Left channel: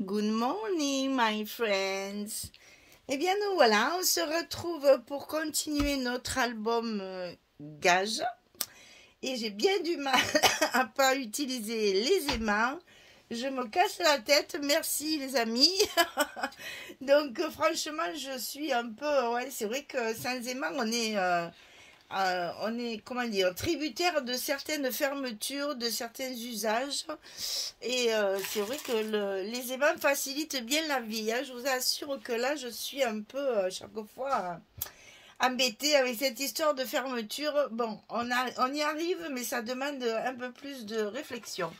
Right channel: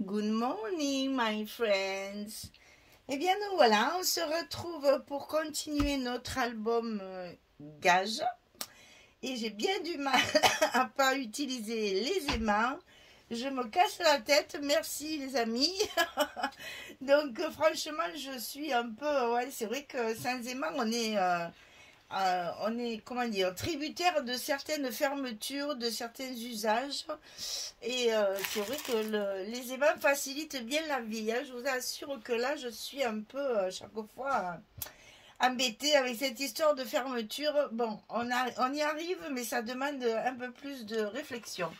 Good morning, my friends. Eh bien, nous voilà, on se retrouve pour continuer notre album Gage. Et j'ai bien du mal à pas utiliser les aimants. Je me casse la tête, merci les amis. Donc, franchement, je suis un peu... Ouais, c'est vrai que sans aimants, on est, comment dire, tributaire de certaines fermetures, de certains usages. Et c'est vrai que les aimants facilitent bien la vie, hein. Je vous assure que là, je suis un peu, chaque fois, embêtée avec cette histoire de fermeture. Bon, on y arrive, mais ça demande un peu plus de réflexion.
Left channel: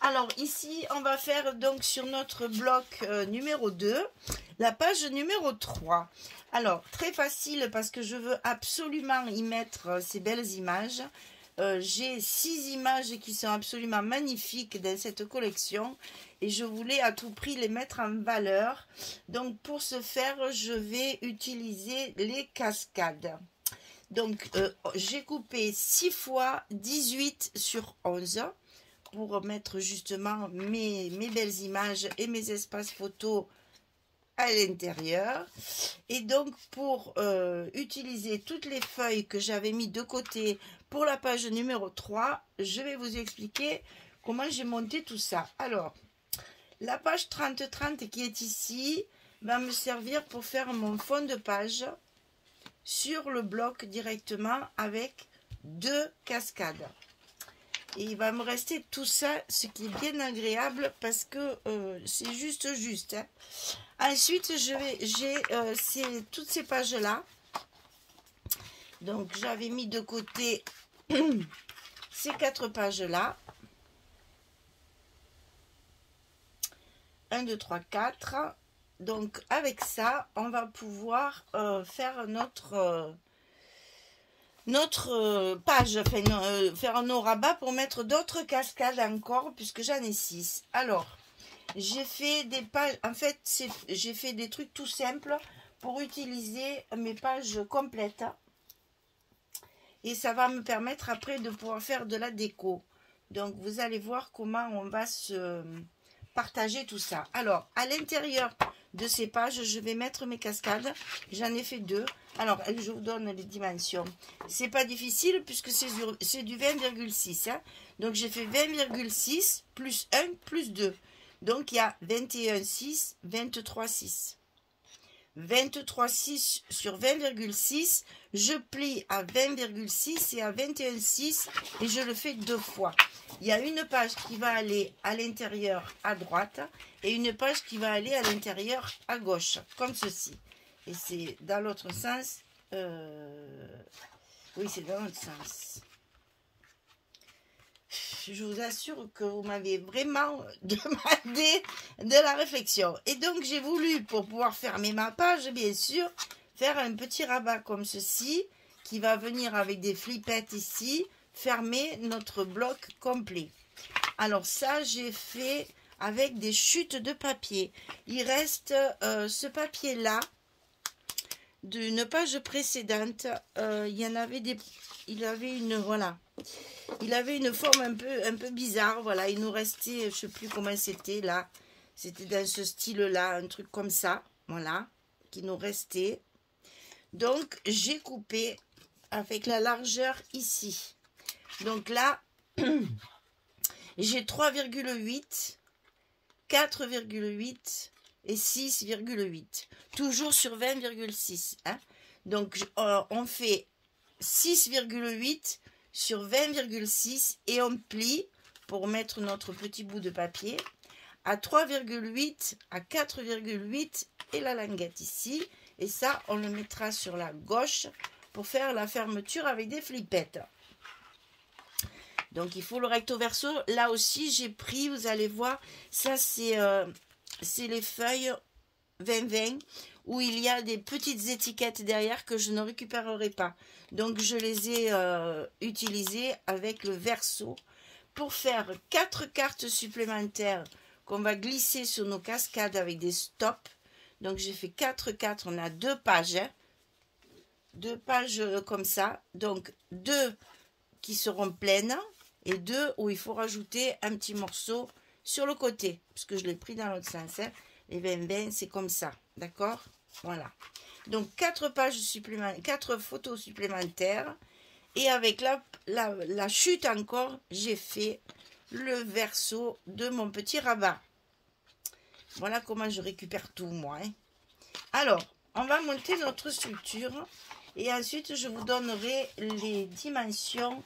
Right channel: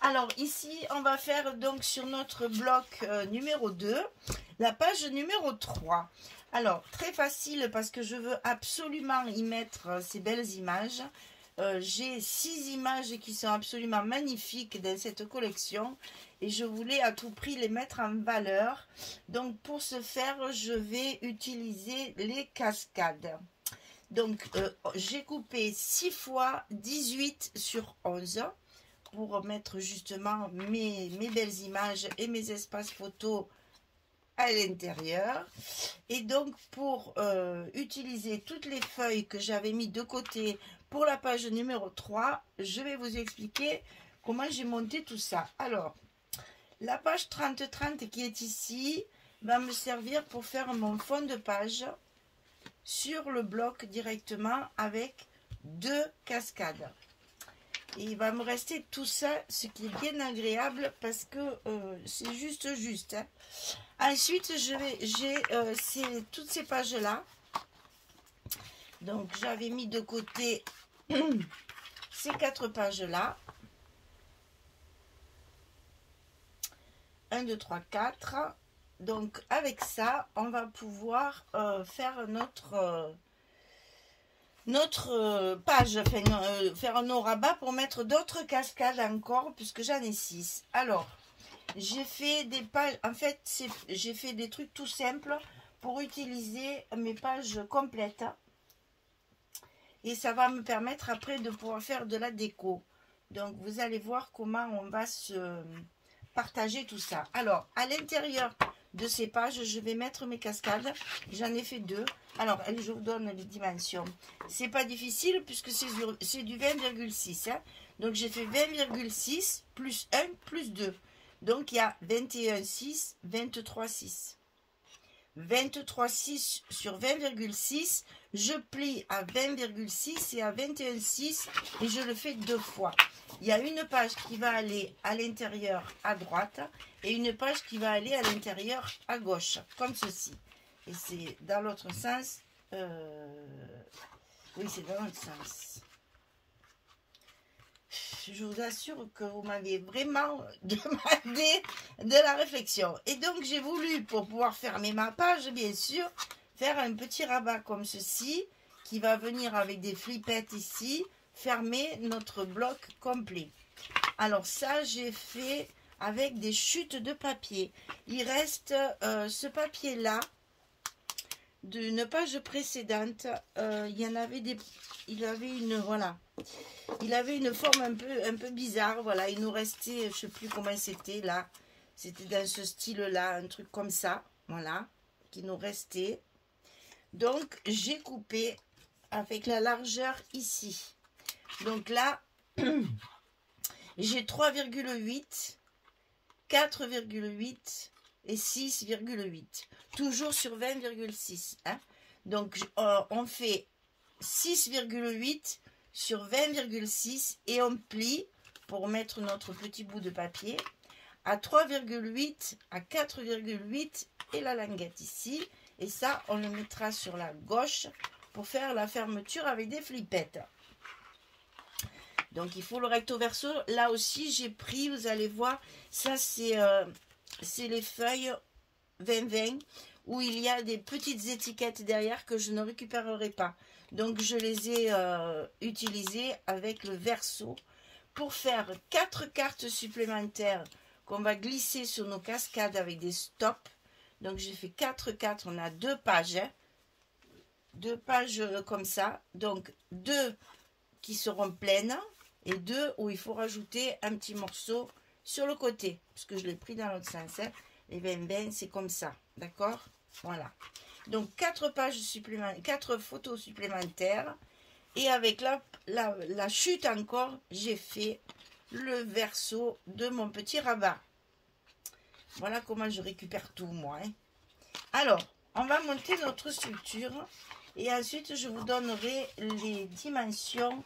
Alors ici, on va faire donc sur notre bloc numéro 2, la page numéro 3. Alors, très facile parce que je veux absolument y mettre ces belles images. J'ai 6 images qui sont absolument magnifiques dans cette collection et je voulais à tout prix les mettre en valeur. Donc, pour ce faire, je vais utiliser les cascades. Donc, j'ai coupé 6 fois 18 sur 11 pour mettre justement mes belles images et mes espaces photos à l'intérieur. Et donc pour utiliser toutes les feuilles que j'avais mis de côté pour la page numéro 3, je vais vous expliquer comment j'ai monté tout ça. Alors, la page 30-30 qui est ici va me servir pour faire mon fond de page sur le bloc directement avec 2 cascades. Et il va me rester tout ça, ce qui est bien agréable parce que c'est juste. Hein. Ensuite, j'ai toutes ces pages-là. Donc, j'avais mis de côté ces 4 pages-là. 1, 2, 3, 4. Donc, avec ça, on va pouvoir faire notre page, enfin, faire nos rabats pour mettre d'autres cascades encore, puisque j'en ai 6. Alors, j'ai fait des pages, en fait, j'ai fait des trucs tout simples pour utiliser mes pages complètes. Et ça va me permettre après de pouvoir faire de la déco. Donc, vous allez voir comment on va se partager tout ça. Alors, à l'intérieur de ces pages, je vais mettre mes cascades. J'en ai fait 2. Alors, je vous donne les dimensions. C'est pas difficile puisque c'est du 20,6. Hein. Donc, j'ai fait 20,6 plus 1 plus 2. Donc, il y a 21,6, 23,6. 23,6 sur 20,6. Je plie à 20,6 et à 21,6 et je le fais 2 fois. Il y a une page qui va aller à l'intérieur à droite et une page qui va aller à l'intérieur à gauche, comme ceci. Et c'est dans l'autre sens. Oui, c'est dans l'autre sens. Je vous assure que vous m'avez vraiment demandé de la réflexion. Et donc, j'ai voulu, pour pouvoir fermer ma page, bien sûr, faire un petit rabat comme ceci, qui va venir avec des flippettes ici, fermer notre bloc complet. Alors ça, j'ai fait avec des chutes de papier. Il reste ce papier-là, d'une page précédente. Il y en avait des... Il avait une... Voilà. Il avait une forme un peu bizarre. Voilà, il nous restait... Je ne sais plus comment c'était là. C'était dans ce style-là, un truc comme ça. Voilà, qui nous restait. Donc, j'ai coupé avec la largeur ici. Donc là, j'ai 3,8, 4,8 et 6,8. Toujours sur 20,6. Hein. Donc, on fait 6,8 sur 20,6 et on plie pour mettre notre petit bout de papier à 3,8, à 4,8 et la languette ici. Et ça, on le mettra sur la gauche pour faire la fermeture avec des flippettes. Donc, il faut le recto verso. Là aussi, j'ai pris, vous allez voir, ça, c'est les feuilles 20-20 où il y a des petites étiquettes derrière que je ne récupérerai pas. Donc, je les ai utilisées avec le verso pour faire 4 cartes supplémentaires qu'on va glisser sur nos cascades avec des stops. Donc, j'ai fait 4 cartes. On a 2 pages. Hein, 2 pages comme ça. Donc, 2 qui seront pleines et 2 où il faut rajouter un petit morceau sur le côté, parce que je l'ai pris dans l'autre sens, hein. Les 20-20, c'est comme ça, d'accord? Voilà. Donc, 4 pages supplémentaires, 4 photos supplémentaires. Et avec la chute encore, j'ai fait le verso de mon petit rabat. Voilà comment je récupère tout, moi, hein. Alors, on va monter notre structure. Et ensuite, je vous donnerai les dimensions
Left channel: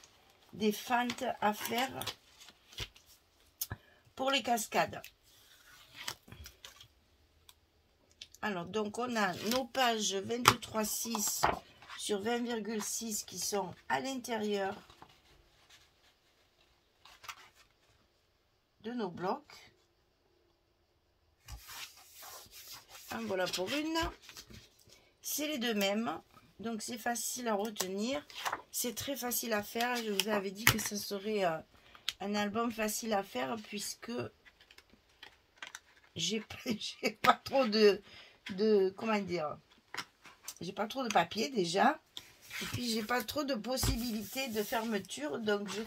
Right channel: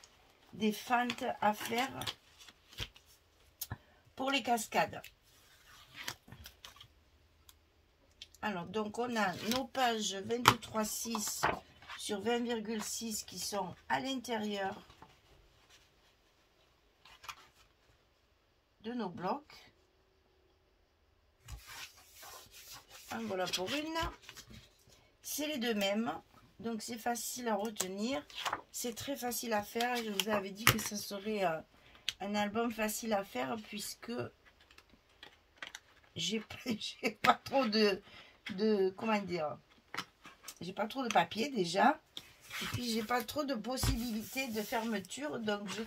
des fentes à faire pour les cascades. Alors, donc, on a nos pages 23,6 sur 20,6 qui sont à l'intérieur de nos blocs. En voilà pour une. C'est les deux mêmes. Donc, c'est facile à retenir. C'est très facile à faire. Je vous avais dit que ce serait un album facile à faire puisque j'ai pas trop de comment dire, j'ai pas trop de papier déjà, et puis j'ai pas trop de possibilités de fermeture, donc je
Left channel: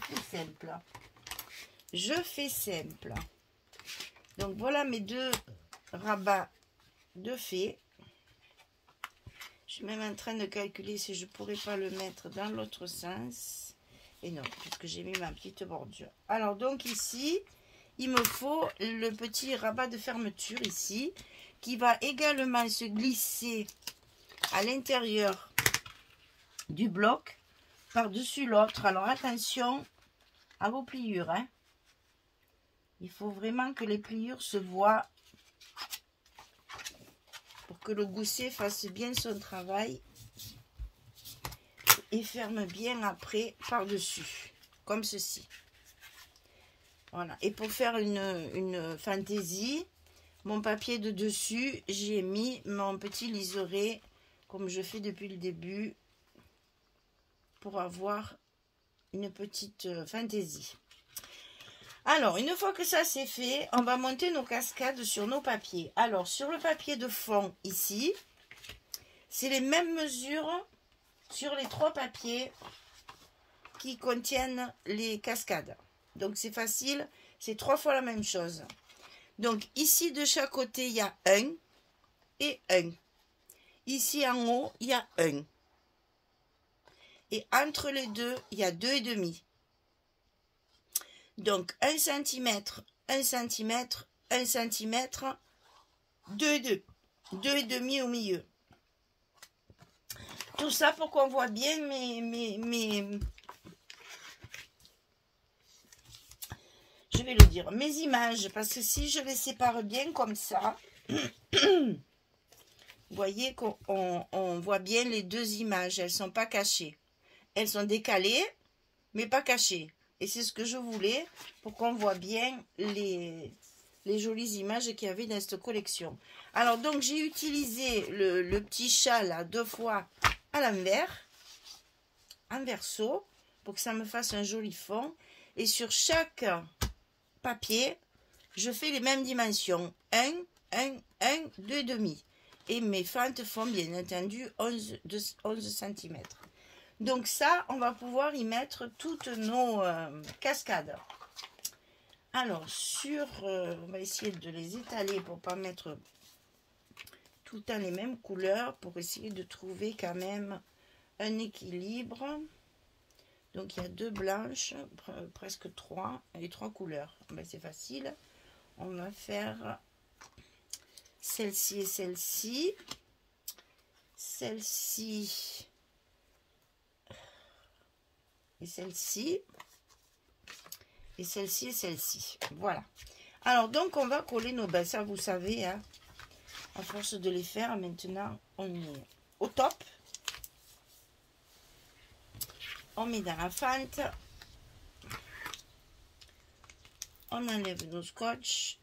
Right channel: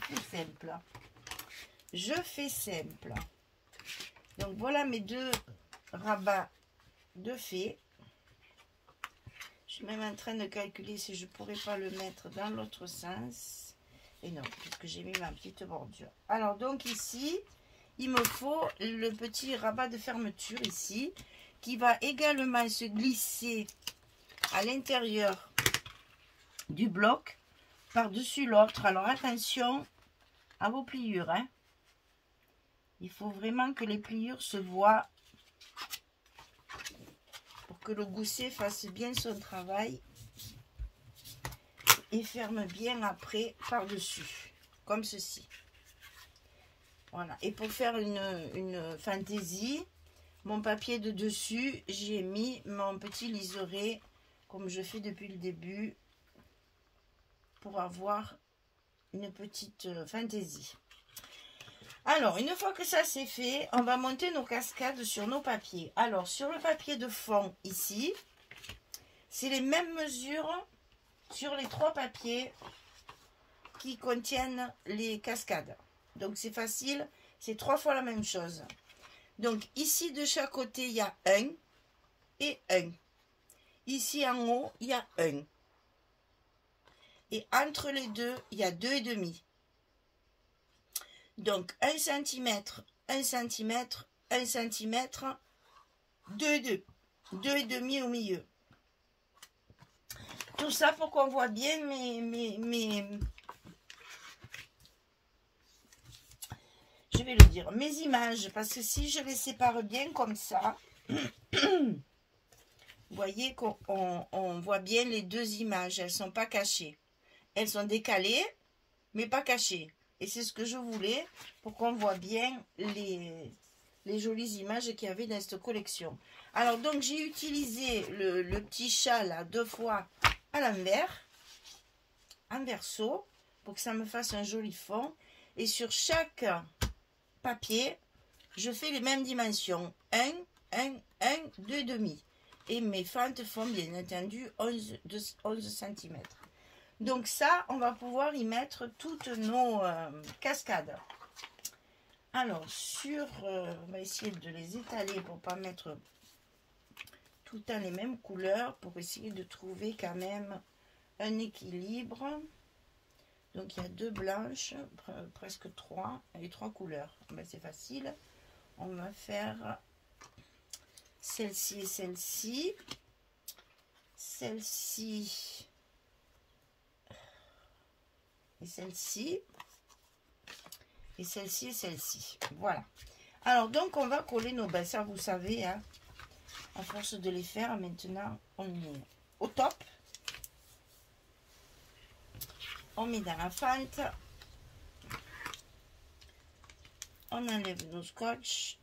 fais simple. Donc voilà mes deux rabats de fée. Je suis même en train de calculer si je pourrais pas le mettre dans l'autre sens, et non, puisque j'ai mis ma petite bordure. Alors donc ici il me faut le petit rabat de fermeture ici, qui va également se glisser à l'intérieur du bloc par-dessus l'autre. Alors attention à vos pliures, hein. Il faut vraiment que les pliures se voient pour que le gousset fasse bien son travail et ferme bien après par-dessus, comme ceci. Voilà. Et pour faire une fantaisie, mon papier de dessus, j'ai mis mon petit liseré, comme je fais depuis le début, pour avoir une petite fantaisie. Alors, une fois que ça c'est fait, on va monter nos cascades sur nos papiers. Alors, sur le papier de fond, ici, c'est les mêmes mesures sur les 3 papiers qui contiennent les cascades. Donc, c'est facile, c'est 3 fois la même chose. Donc, ici, de chaque côté, il y a 1 et 1. Ici, en haut, il y a 1. Et entre les deux, il y a 2,5. Donc, 1 cm, 1 cm, 1 cm, 2,2. 2,5 au milieu. Tout ça pour qu'on voit bien je vais le dire, mes images, parce que si je les sépare bien comme ça, vous voyez qu'on voit bien les deux images, elles ne sont pas cachées. Elles sont décalées, mais pas cachées. Et c'est ce que je voulais pour qu'on voit bien les jolies images qu'il y avait dans cette collection. Alors, donc, j'ai utilisé le petit chat, là, 2 fois à l'envers, en verso, pour que ça me fasse un joli fond. Et sur chaque papier, je fais les mêmes dimensions. 1, 1, 1, 2,5. Et mes fentes font bien entendu 11 cm. Donc ça, on va pouvoir y mettre toutes nos cascades. Alors, on va essayer de les étaler pour ne pas mettre tout le temps les mêmes couleurs, pour essayer de trouver quand même un équilibre. Donc, il y a 2 blanches, presque 3, et 3 couleurs. Ben, c'est facile. On va faire celle-ci et celle-ci. Celle-ci et celle-ci. Et celle-ci et celle-ci. Voilà. Alors, donc, on va coller nos bains. Ça, vous savez, hein, à force de les faire, maintenant, on est au top. On met dans la fente. On enlève nos scotch.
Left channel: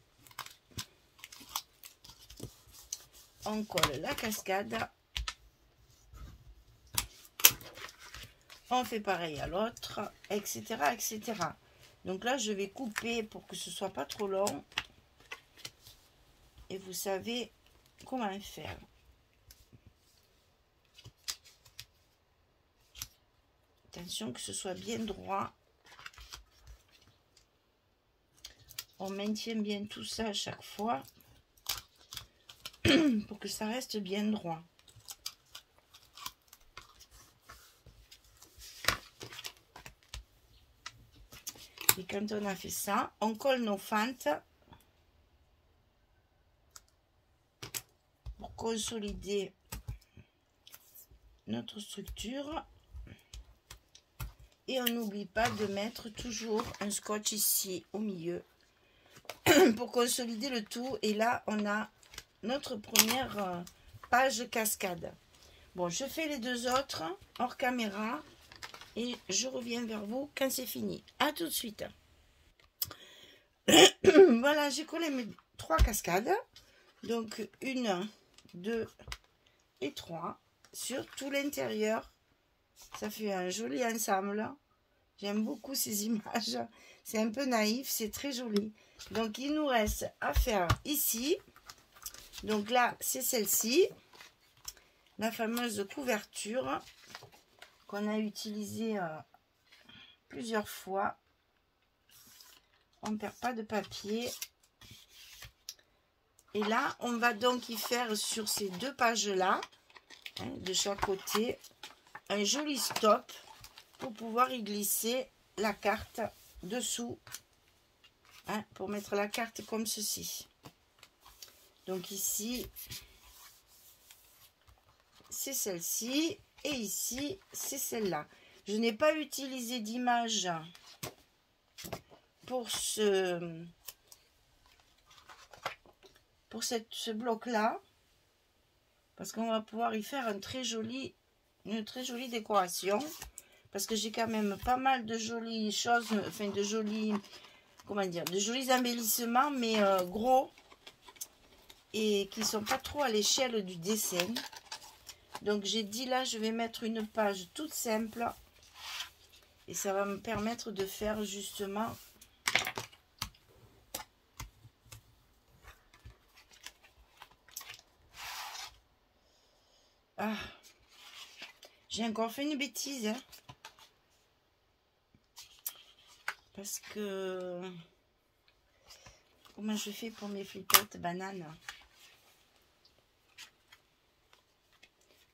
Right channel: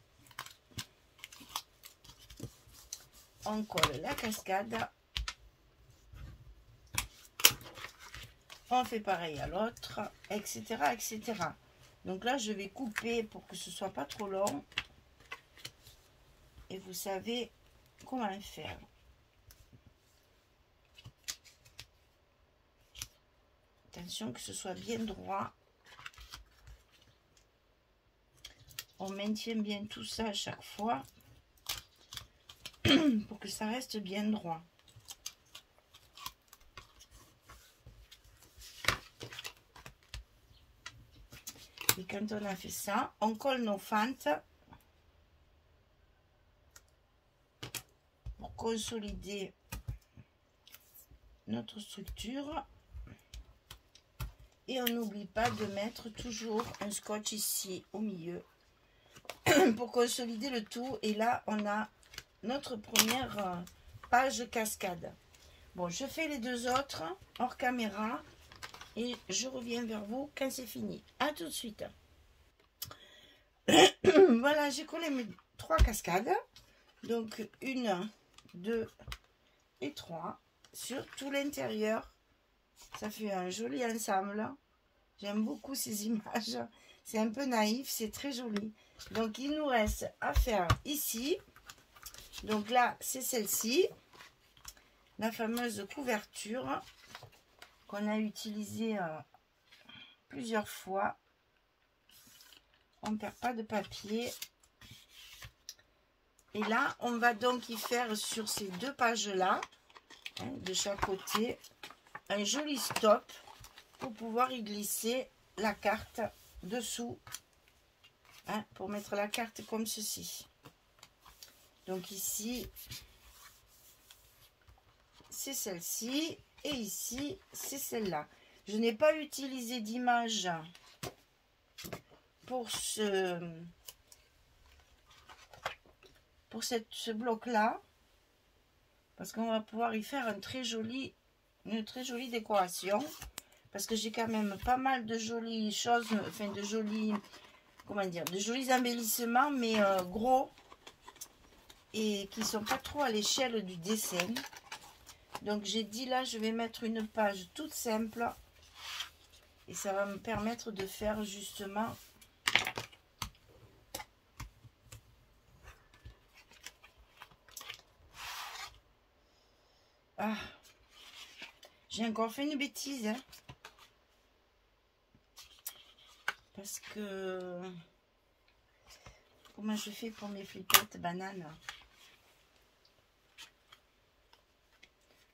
On colle la cascade. On fait pareil à l'autre, etc., etc. Donc là, je vais couper pour que ce soit pas trop long. Et vous savez comment faire. Attention que ce soit bien droit. on maintient bien tout ça à chaque fois pour que ça reste bien droit. Et quand on a fait ça, on colle nos fentes pour consolider notre structure. Et on n'oublie pas de mettre toujours un scotch ici au milieu pour consolider le tout. Et là, on a notre première page cascade. Bon, je fais les deux autres hors caméra et je reviens vers vous quand c'est fini. À tout de suite. Voilà, j'ai collé mes 3 cascades. Donc, 1, 2 et 3 sur tout l'intérieur. Ça fait un joli ensemble. J'aime beaucoup ces images. C'est un peu naïf, c'est très joli. Donc, il nous reste à faire ici. Donc là, c'est celle-ci. La fameuse couverture qu'on a utilisée plusieurs fois. On ne perd pas de papier. Et là, on va donc y faire sur ces 2 pages-là, hein, de chaque côté, un joli stop pour pouvoir y glisser la carte dessous, hein, pour mettre la carte comme ceci. Donc ici, c'est celle-ci et ici, c'est celle-là. Je n'ai pas utilisé d'image pour ce bloc-là parce qu'on va pouvoir y faire une très jolie décoration. Parce que j'ai quand même pas mal de jolies choses, enfin de jolis, comment dire, de jolis embellissements, mais gros et qui sont pas trop à l'échelle du dessin. Donc j'ai dit là, je vais mettre une page toute simple et ça va me permettre de faire justement j'ai encore fait une bêtise, hein. Parce que comment je fais pour mes flippettes bananes?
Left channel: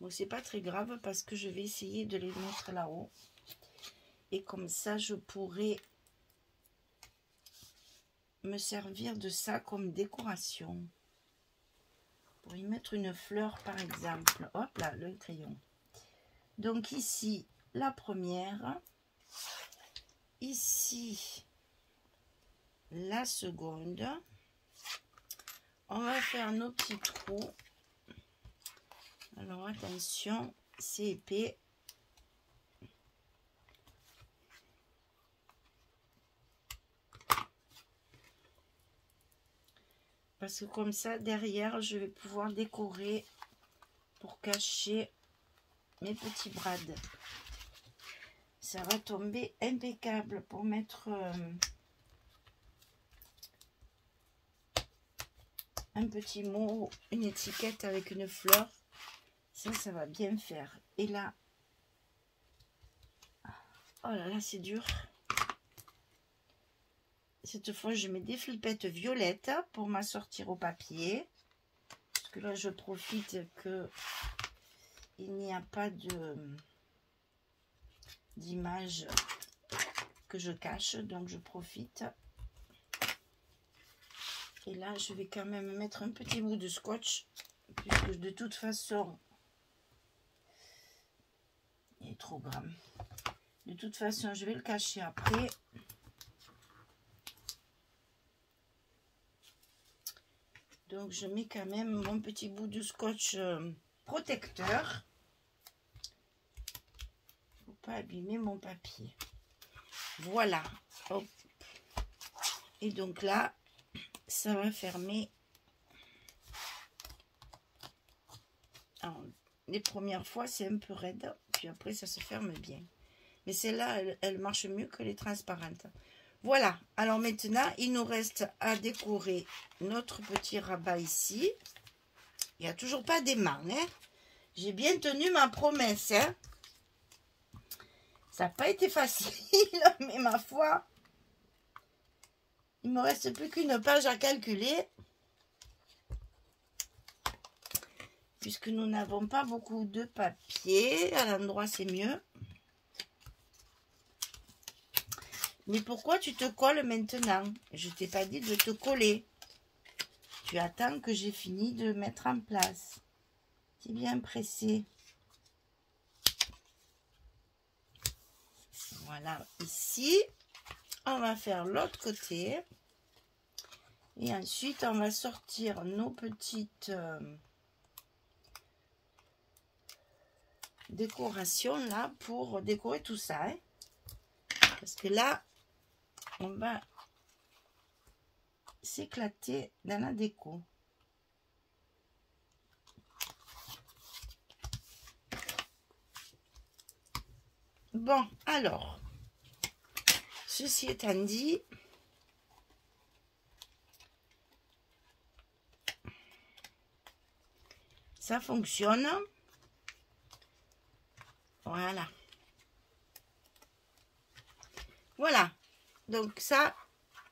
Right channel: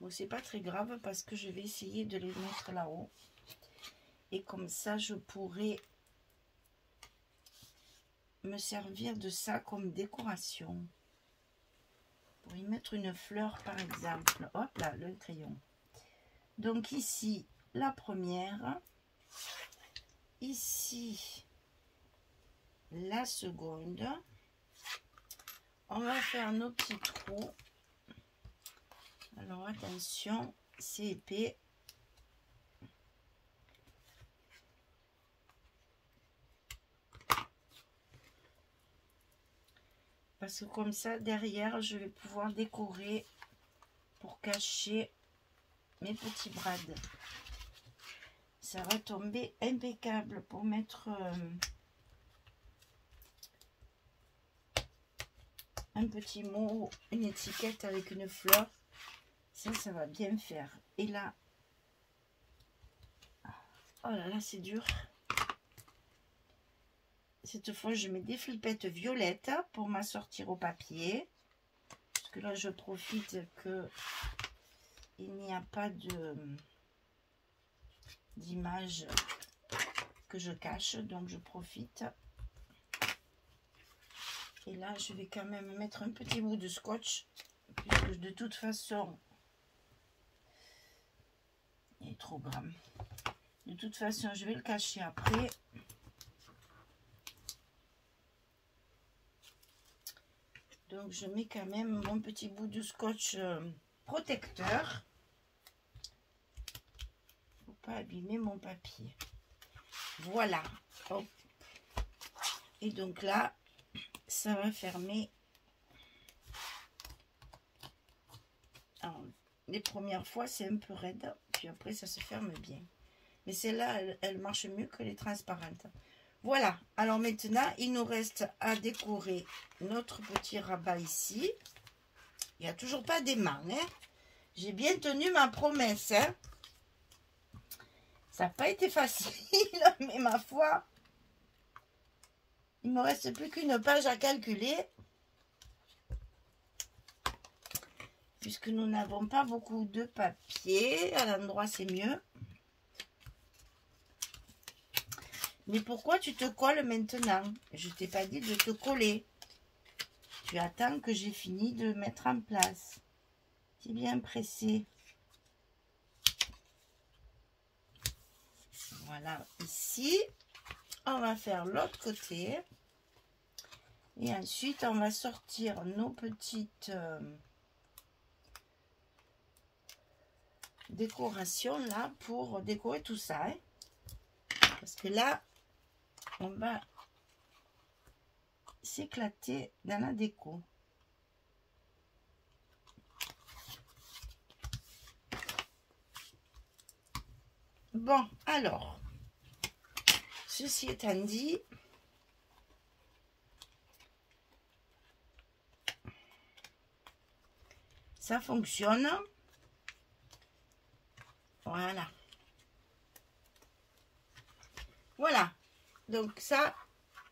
Bon, c'est pas très grave parce que je vais essayer de les mettre là-haut. Et comme ça, je pourrais me servir de ça comme décoration. Pour y mettre une fleur, par exemple. Hop là, le crayon. Donc ici, la première. Ici, la seconde. On va faire nos petits trous. Alors attention, c'est épais. Parce que comme ça, derrière, je vais pouvoir décorer pour cacher mes petits brades. Ça va tomber impeccable pour mettre un petit mot, une étiquette avec une fleur. Ça va bien faire. Et là, oh là là, c'est dur. Cette fois, je mets des flippettes violettes pour m'assortir au papier. Parce que là, je profite que il n'y a pas d'image que je cache. Donc, je profite. Et là, je vais quand même mettre un petit bout de scotch. Puisque de toute façon, il est trop grand. De toute façon, je vais le cacher après. Donc, je mets quand même mon petit bout de scotch protecteur pour pas abîmer mon papier. Voilà. Hop. Et donc là, ça va fermer. Alors, les premières fois, c'est un peu raide. Puis après, ça se ferme bien. Mais celle-là, elle marche mieux que les transparentes. Voilà, alors maintenant, il nous reste à décorer notre petit rabat ici. Il n'y a toujours pas d'aimant, hein. J'ai bien tenu ma promesse, hein. Ça n'a pas été facile, mais ma foi, Il me reste plus qu'une page à calculer. Puisque nous n'avons pas beaucoup de papier. À l'endroit, c'est mieux. Mais pourquoi tu te colles maintenant? Je t'ai pas dit de te coller. Tu attends que j'ai fini de mettre en place. Tu es bien pressé. Voilà, ici, on va faire l'autre côté. Et ensuite, on va sortir nos petites décorations là pour décorer tout ça. Hein. Parce que là, on va s'éclater dans la déco. Bon, alors, ceci étant dit, ça fonctionne. Voilà. Voilà. Donc ça,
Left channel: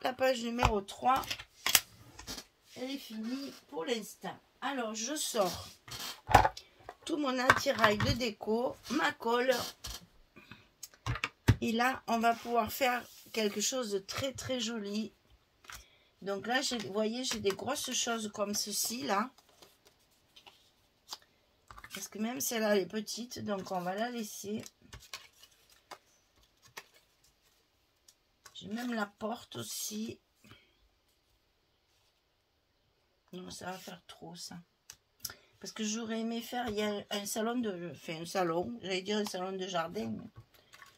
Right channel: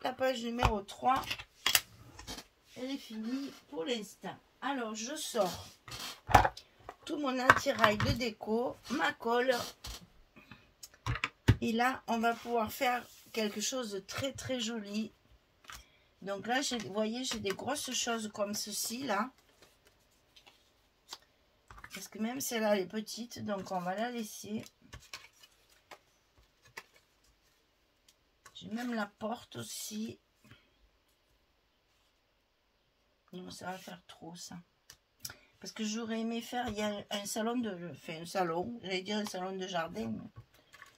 la page numéro 3, elle est finie pour l'instant. Alors, je sors tout mon attirail de déco, ma colle. Et là, on va pouvoir faire quelque chose de très, très joli. Donc là, vous voyez, j'ai des grosses choses comme ceci, là. Parce que même celle-là, elle est petite, donc on va la laisser. J'ai même la porte aussi. Non, ça va faire trop, ça. Parce que j'aurais aimé faire, il y a un salon de... Enfin, un salon, j'allais dire un salon de jardin. Mais...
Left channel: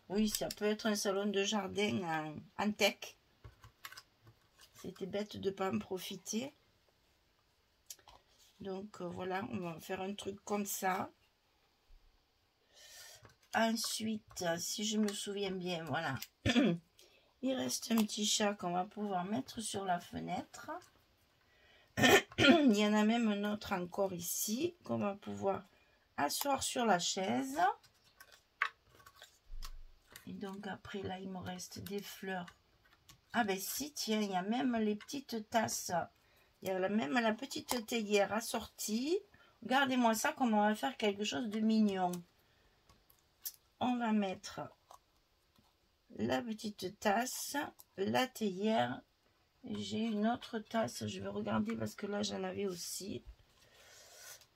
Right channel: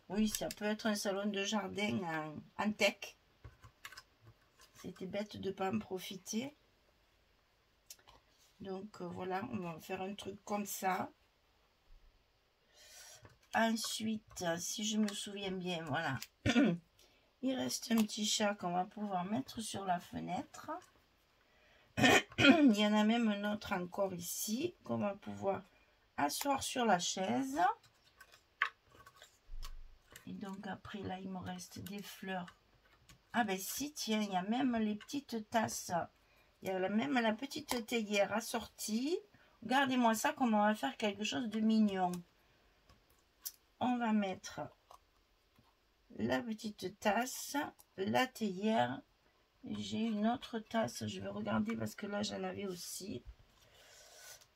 Oui, ça peut être un salon de jardin en tech. C'était bête de ne pas en profiter. Donc voilà, on va faire un truc comme ça. Ensuite, si je me souviens bien, voilà. Il reste un petit chat qu'on va pouvoir mettre sur la fenêtre. Il y en a même un autre encore ici qu'on va pouvoir asseoir sur la chaise. Et donc après là, il me reste des fleurs. Ah ben si, tiens, il y a même les petites tasses. Il y a même la petite théière assortie. Regardez-moi ça, comme on va faire quelque chose de mignon. On va mettre la petite tasse, la théière. J'ai une autre tasse, je vais regarder parce que là j'en avais aussi.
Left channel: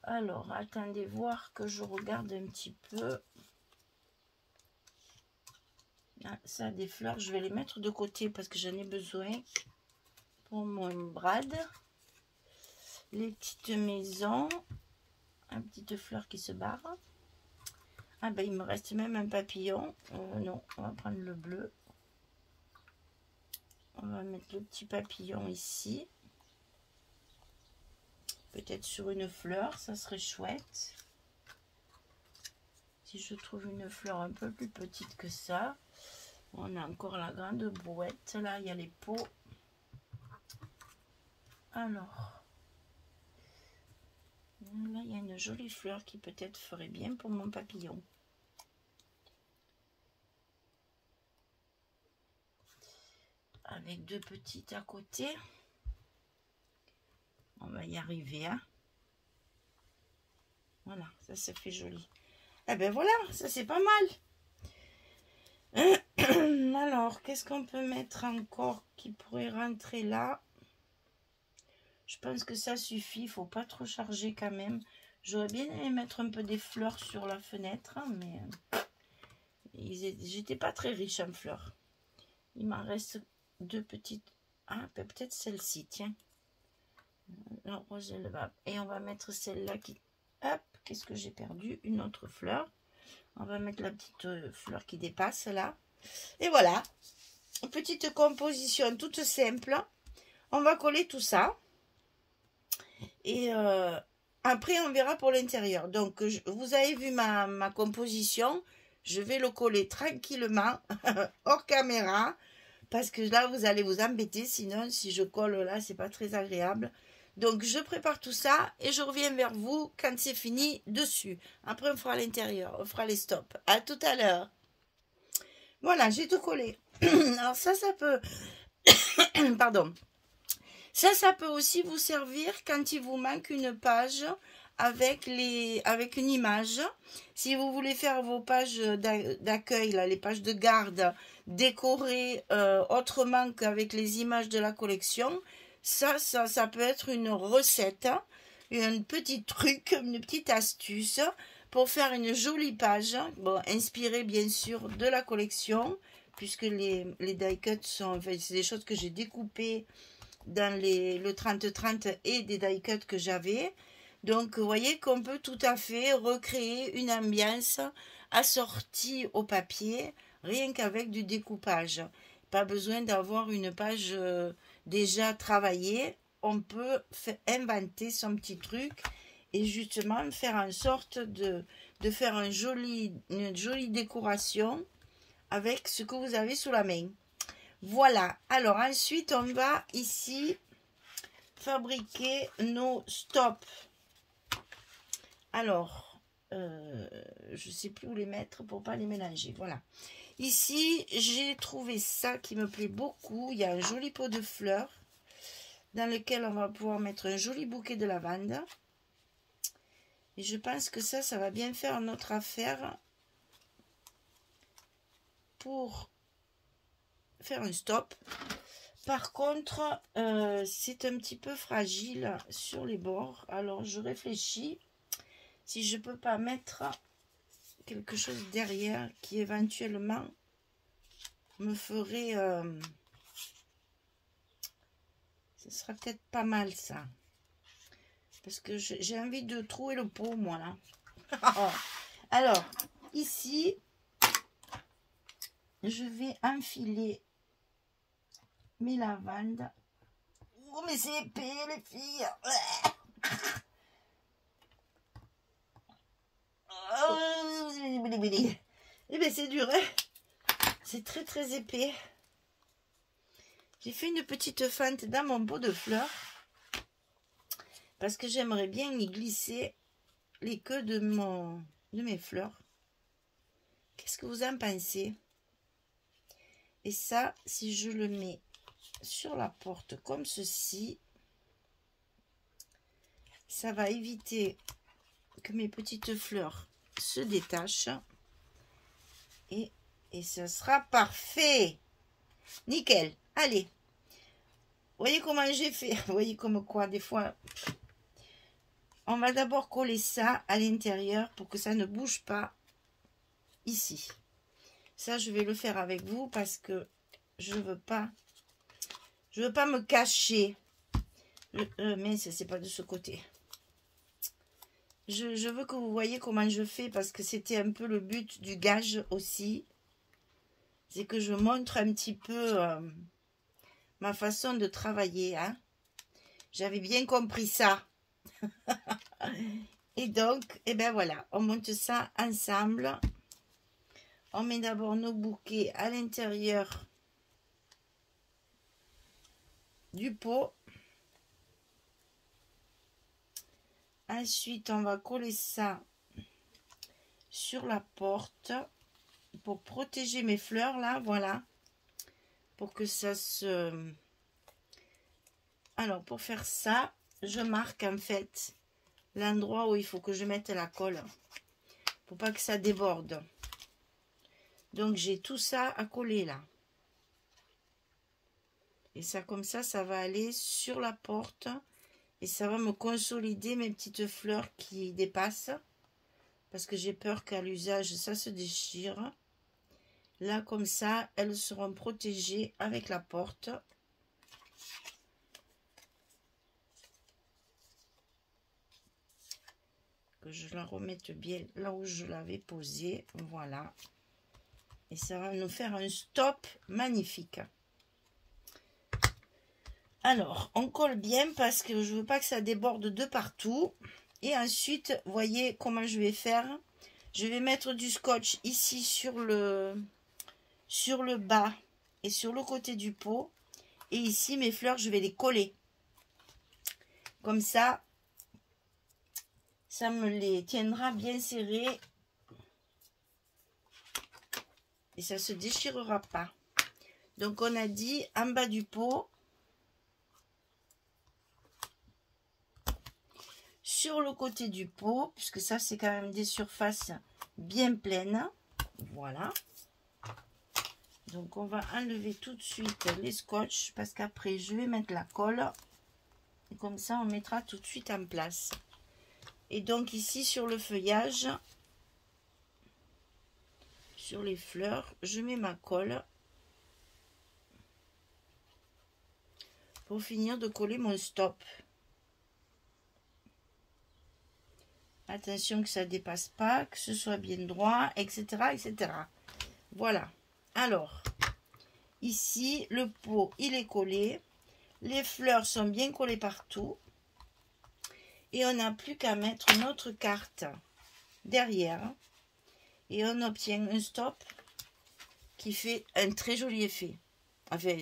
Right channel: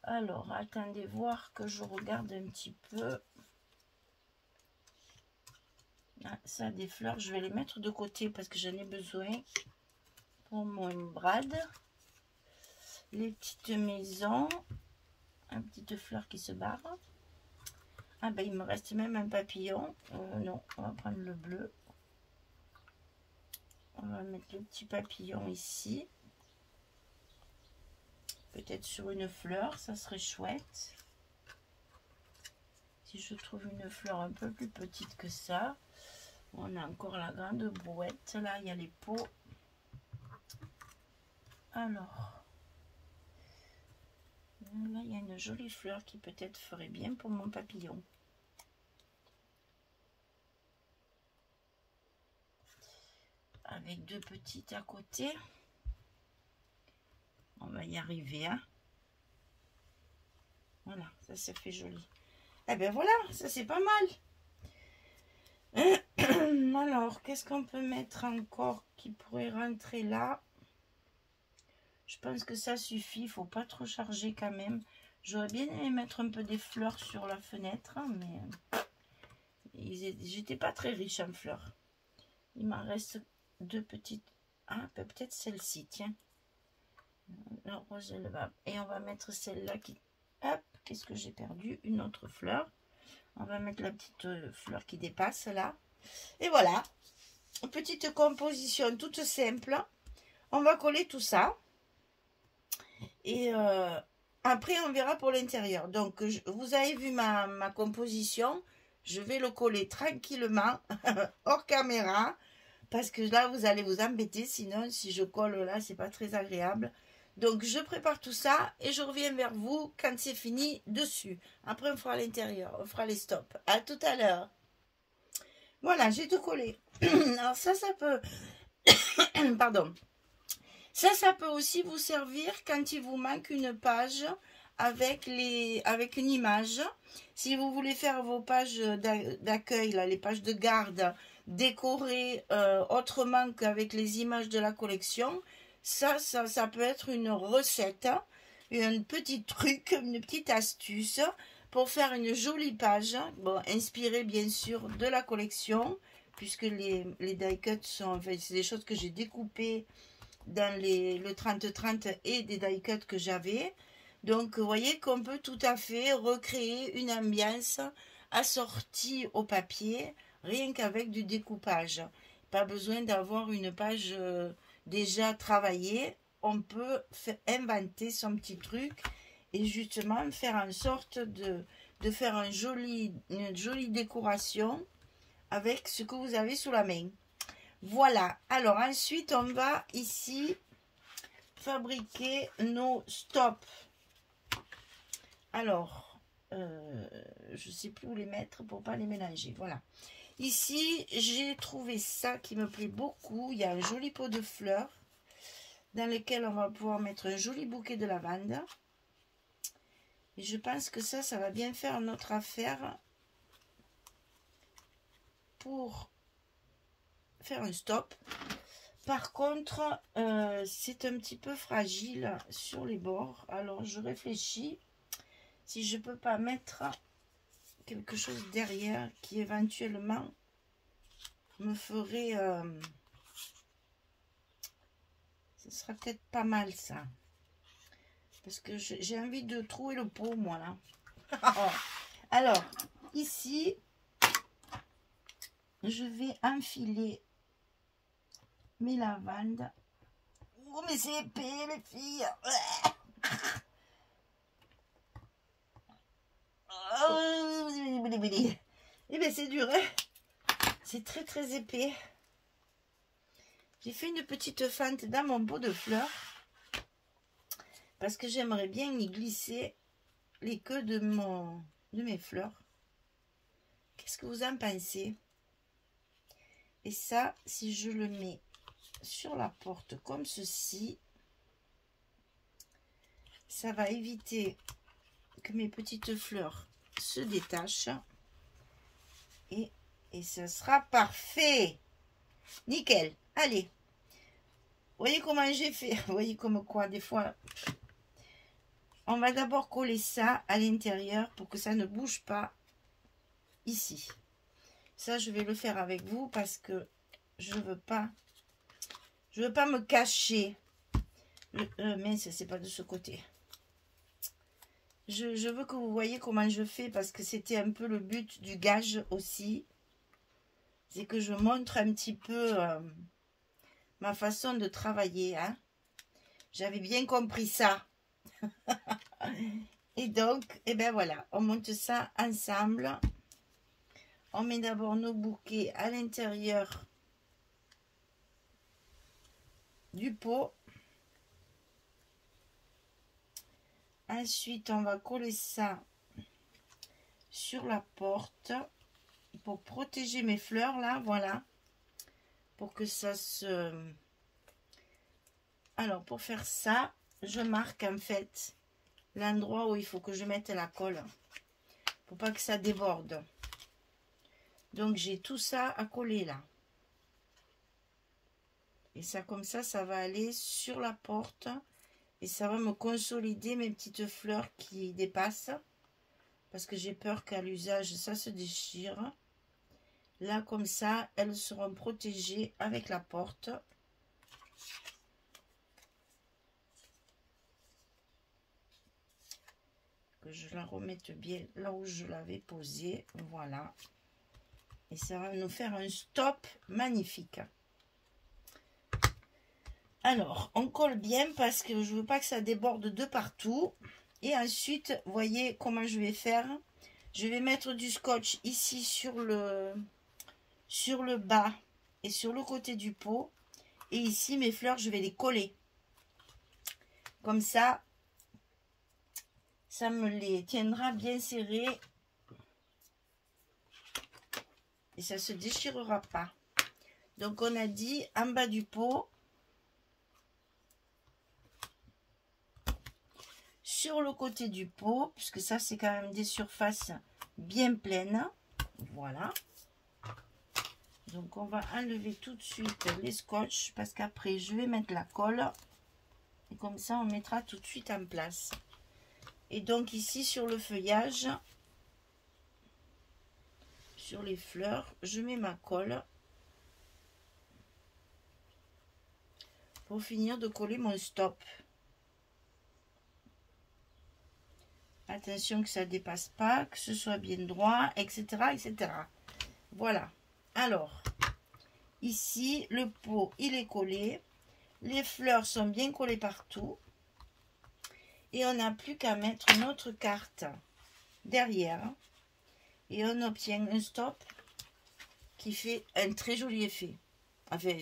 Alors, attendez voir que je regarde un petit peu. Ah, ça, des fleurs, je vais les mettre de côté parce que j'en ai besoin pour mon brad. Les petites maisons, une petite fleur qui se barre. Ah ben il me reste même un papillon. Non, on va prendre le bleu. On va mettre le petit papillon ici. Peut-être sur une fleur, ça serait chouette. Si je trouve une fleur un peu plus petite que ça. On a encore la grande brouette. Là, il y a les pots. Alors, là, il y a une jolie fleur qui peut-être ferait bien pour mon papillon. Avec deux petites à côté. On va y arriver, hein. Voilà, ça se fait joli. Eh ben voilà, ça c'est pas mal. Alors, qu'est-ce qu'on peut mettre encore qui pourrait rentrer là? Je pense que ça suffit, il faut pas trop charger quand même. J'aurais bien aimé mettre un peu des fleurs sur la fenêtre, mais j'étais pas très riche en fleurs. Il m'en reste deux petites. Ah, peut-être celle-ci, tiens. La rose élevable. Et on va mettre celle-là qui... Hop, qu'est-ce que j'ai perdu? Une autre fleur. On va mettre la petite fleur qui dépasse là. Et voilà. Une petite composition toute simple. On va coller tout ça. Et après, on verra pour l'intérieur. Donc, vous avez vu ma composition. Je vais le coller tranquillement, hors caméra. Parce que là, vous allez vous embêter. Sinon, si je colle là, c'est pas très agréable. Donc, je prépare tout ça et je reviens vers vous quand c'est fini dessus. Après, on fera l'intérieur. On fera les stops. À tout à l'heure. Voilà, j'ai tout collé. Alors, ça peut... Pardon. Ça peut aussi vous servir quand il vous manque une page avec une image. Si vous voulez faire vos pages d'accueil, les pages de garde, décorées autrement qu'avec les images de la collection, ça peut être une recette, un petit truc, une petite astuce pour faire une jolie page, bon, inspirée bien sûr de la collection, puisque les die cuts sont, enfin, c'est des choses que j'ai découpées dans le 30-30 et des die cuts que j'avais. Donc, vous voyez qu'on peut tout à fait recréer une ambiance assortie au papier, rien qu'avec du découpage. Pas besoin d'avoir une page déjà travaillée. On peut inventer son petit truc et justement faire en sorte de faire une jolie décoration avec ce que vous avez sous la main. Voilà. Alors, ensuite, on va ici fabriquer nos stops. Alors, je ne sais plus où les mettre pour ne pas les mélanger. Voilà. Ici, j'ai trouvé ça qui me plaît beaucoup. Il y a un joli pot de fleurs dans lequel on va pouvoir mettre un joli bouquet de lavande. Et je pense que ça va bien faire notre affaire pour faire un stop. Par contre, c'est un petit peu fragile sur les bords. Alors, je réfléchis si je peux pas mettre quelque chose derrière qui éventuellement me ferait... ce sera peut-être pas mal ça. Parce que j'ai envie de trouver le pot, moi, là. Alors, ici, je vais enfiler mes lavandes. Oh, mais c'est épais, les filles. Eh bien, c'est dur, hein. C'est très, très épais. J'ai fait une petite fente dans mon pot de fleurs. Parce que j'aimerais bien y glisser les queues de mes fleurs. Qu'est-ce que vous en pensez? Et ça, si je le mets sur la porte comme ceci, ça va éviter que mes petites fleurs se détachent. Et ce sera parfait. Nickel. Allez. Vous voyez comment j'ai fait? Vous voyez comme quoi, des fois... On va d'abord coller ça à l'intérieur pour que ça ne bouge pas ici. Ça, je vais le faire avec vous parce que je veux pas me cacher. Mais c'est pas de ce côté. Je veux que vous voyez comment je fais parce que c'était un peu le but du gage aussi. C'est que je montre un petit peu ma façon de travailler. Hein. J'avais bien compris ça. Et donc, et ben voilà, on monte ça ensemble. On met d'abord nos bouquets à l'intérieur du pot. Ensuite, on va coller ça sur la porte pour protéger mes fleurs là, voilà. Pour que ça se... Alors, pour faire ça, je marque en fait l'endroit où il faut que je mette la colle pour pas que ça déborde. Donc j'ai tout ça à coller là, et ça comme ça va aller sur la porte et ça va me consolider mes petites fleurs qui dépassent parce que j'ai peur qu'à l'usage ça se déchire. Là comme ça elles seront protégées avec la porte. Je la remette bien là où je l'avais posée, voilà, et ça va nous faire un stop magnifique. Alors on colle bien parce que je veux pas que ça déborde de partout. Et ensuite voyez comment je vais faire. Je vais mettre du scotch ici sur le bas et sur le côté du pot, et ici mes fleurs je vais les coller comme ça. Ça me les tiendra bien serrés et ça se déchirera pas. Donc on a dit en bas du pot, sur le côté du pot, puisque ça c'est quand même des surfaces bien pleines. Voilà. Donc on va enlever tout de suite les scotch parce qu'après je vais mettre la colle. Et comme ça on mettra tout de suite en place. Et donc ici sur le feuillage, sur les fleurs, je mets ma colle pour finir de coller mon stop. Attention que ça ne dépasse pas, que ce soit bien droit, etc., etc. Voilà. Alors, ici, le pot, il est collé. Les fleurs sont bien collées partout. Et on n'a plus qu'à mettre notre carte derrière. Et on obtient un stop qui fait un très joli effet. Enfin,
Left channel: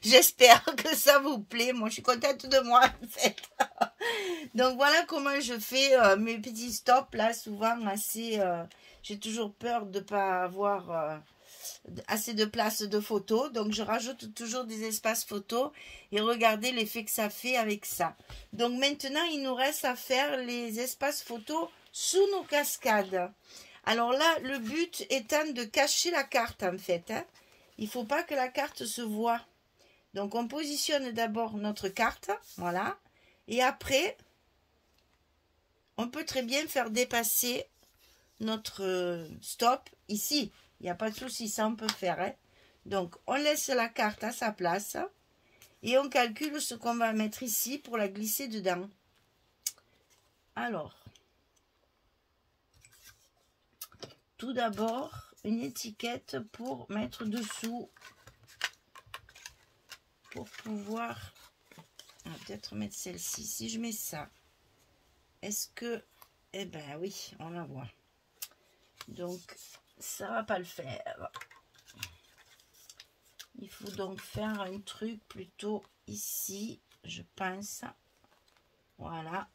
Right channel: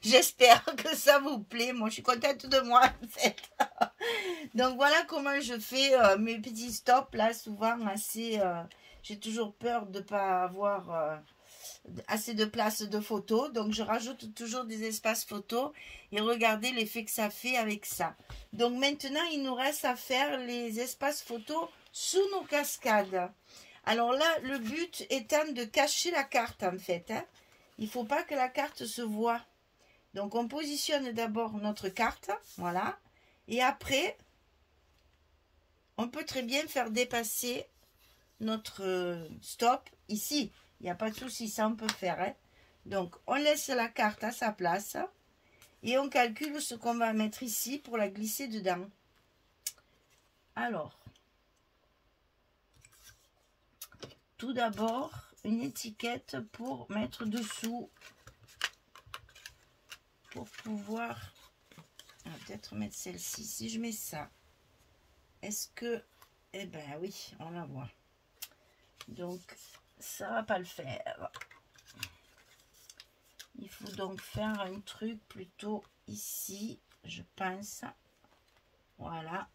j'espère que ça vous plaît. Moi, je suis contente de moi, en fait. Donc, voilà comment je fais mes petits stops, là, souvent assez... j'ai toujours peur de ne pas avoir assez de place de photos. Donc, je rajoute toujours des espaces photos. Et regardez l'effet que ça fait avec ça. Donc, maintenant, il nous reste à faire les espaces photos sous nos cascades. Alors là, le but étant de cacher la carte, en fait, hein. Il ne faut pas que la carte se voie. Donc, on positionne d'abord notre carte. Voilà. Et après, on peut très bien faire dépasser notre stop ici. Il n'y a pas de souci, ça on peut faire. Hein. Donc, on laisse la carte à sa place. Et on calcule ce qu'on va mettre ici pour la glisser dedans. Alors, tout d'abord, une étiquette pour mettre dessous. Pour pouvoir... On va peut-être mettre celle-ci. Si je mets ça, est-ce que... Eh ben oui, on va voir. Donc, ça va pas le faire. Il faut donc faire un truc plutôt ici, je pense. Voilà.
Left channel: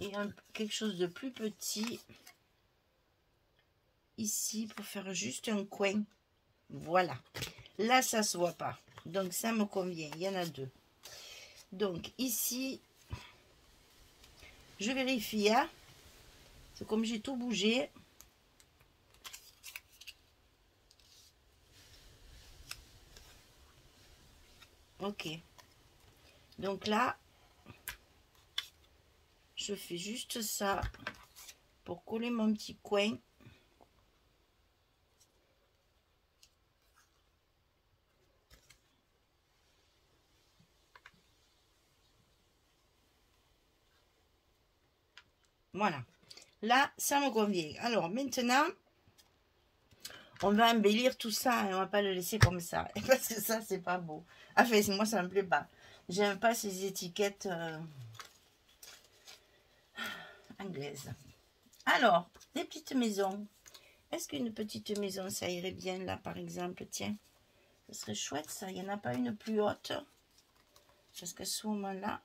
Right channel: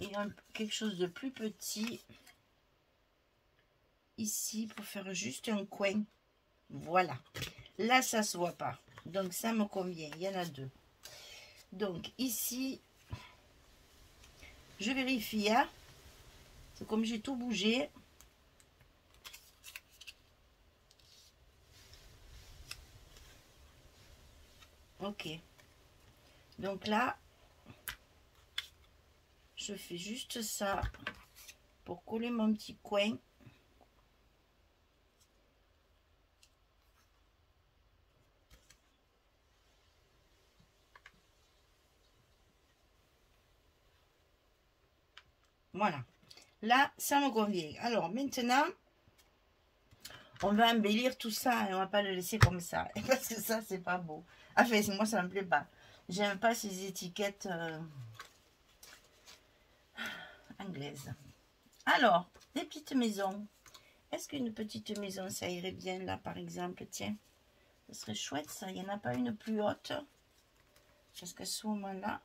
Et quelque chose de plus petit ici pour faire juste un coin. Voilà. Là, ça se voit pas. Donc, ça me convient. Il y en a deux. Donc, ici, je vérifie. Hein. C'est comme j'ai tout bougé. Ok. Donc là, je fais juste ça pour coller mon petit coin. Voilà. Là, ça me convient. Alors, maintenant, on va embellir tout ça et on va pas le laisser comme ça. Parce que ça, c'est pas beau. Enfin, moi, ça me plaît pas. J'aime pas ces étiquettes anglaises. Alors, des petites maisons. Est-ce qu'une petite maison, ça irait bien là, par exemple? Tiens, ce serait chouette, ça. Il n'y en a pas une plus haute. Parce qu'à ce moment-là,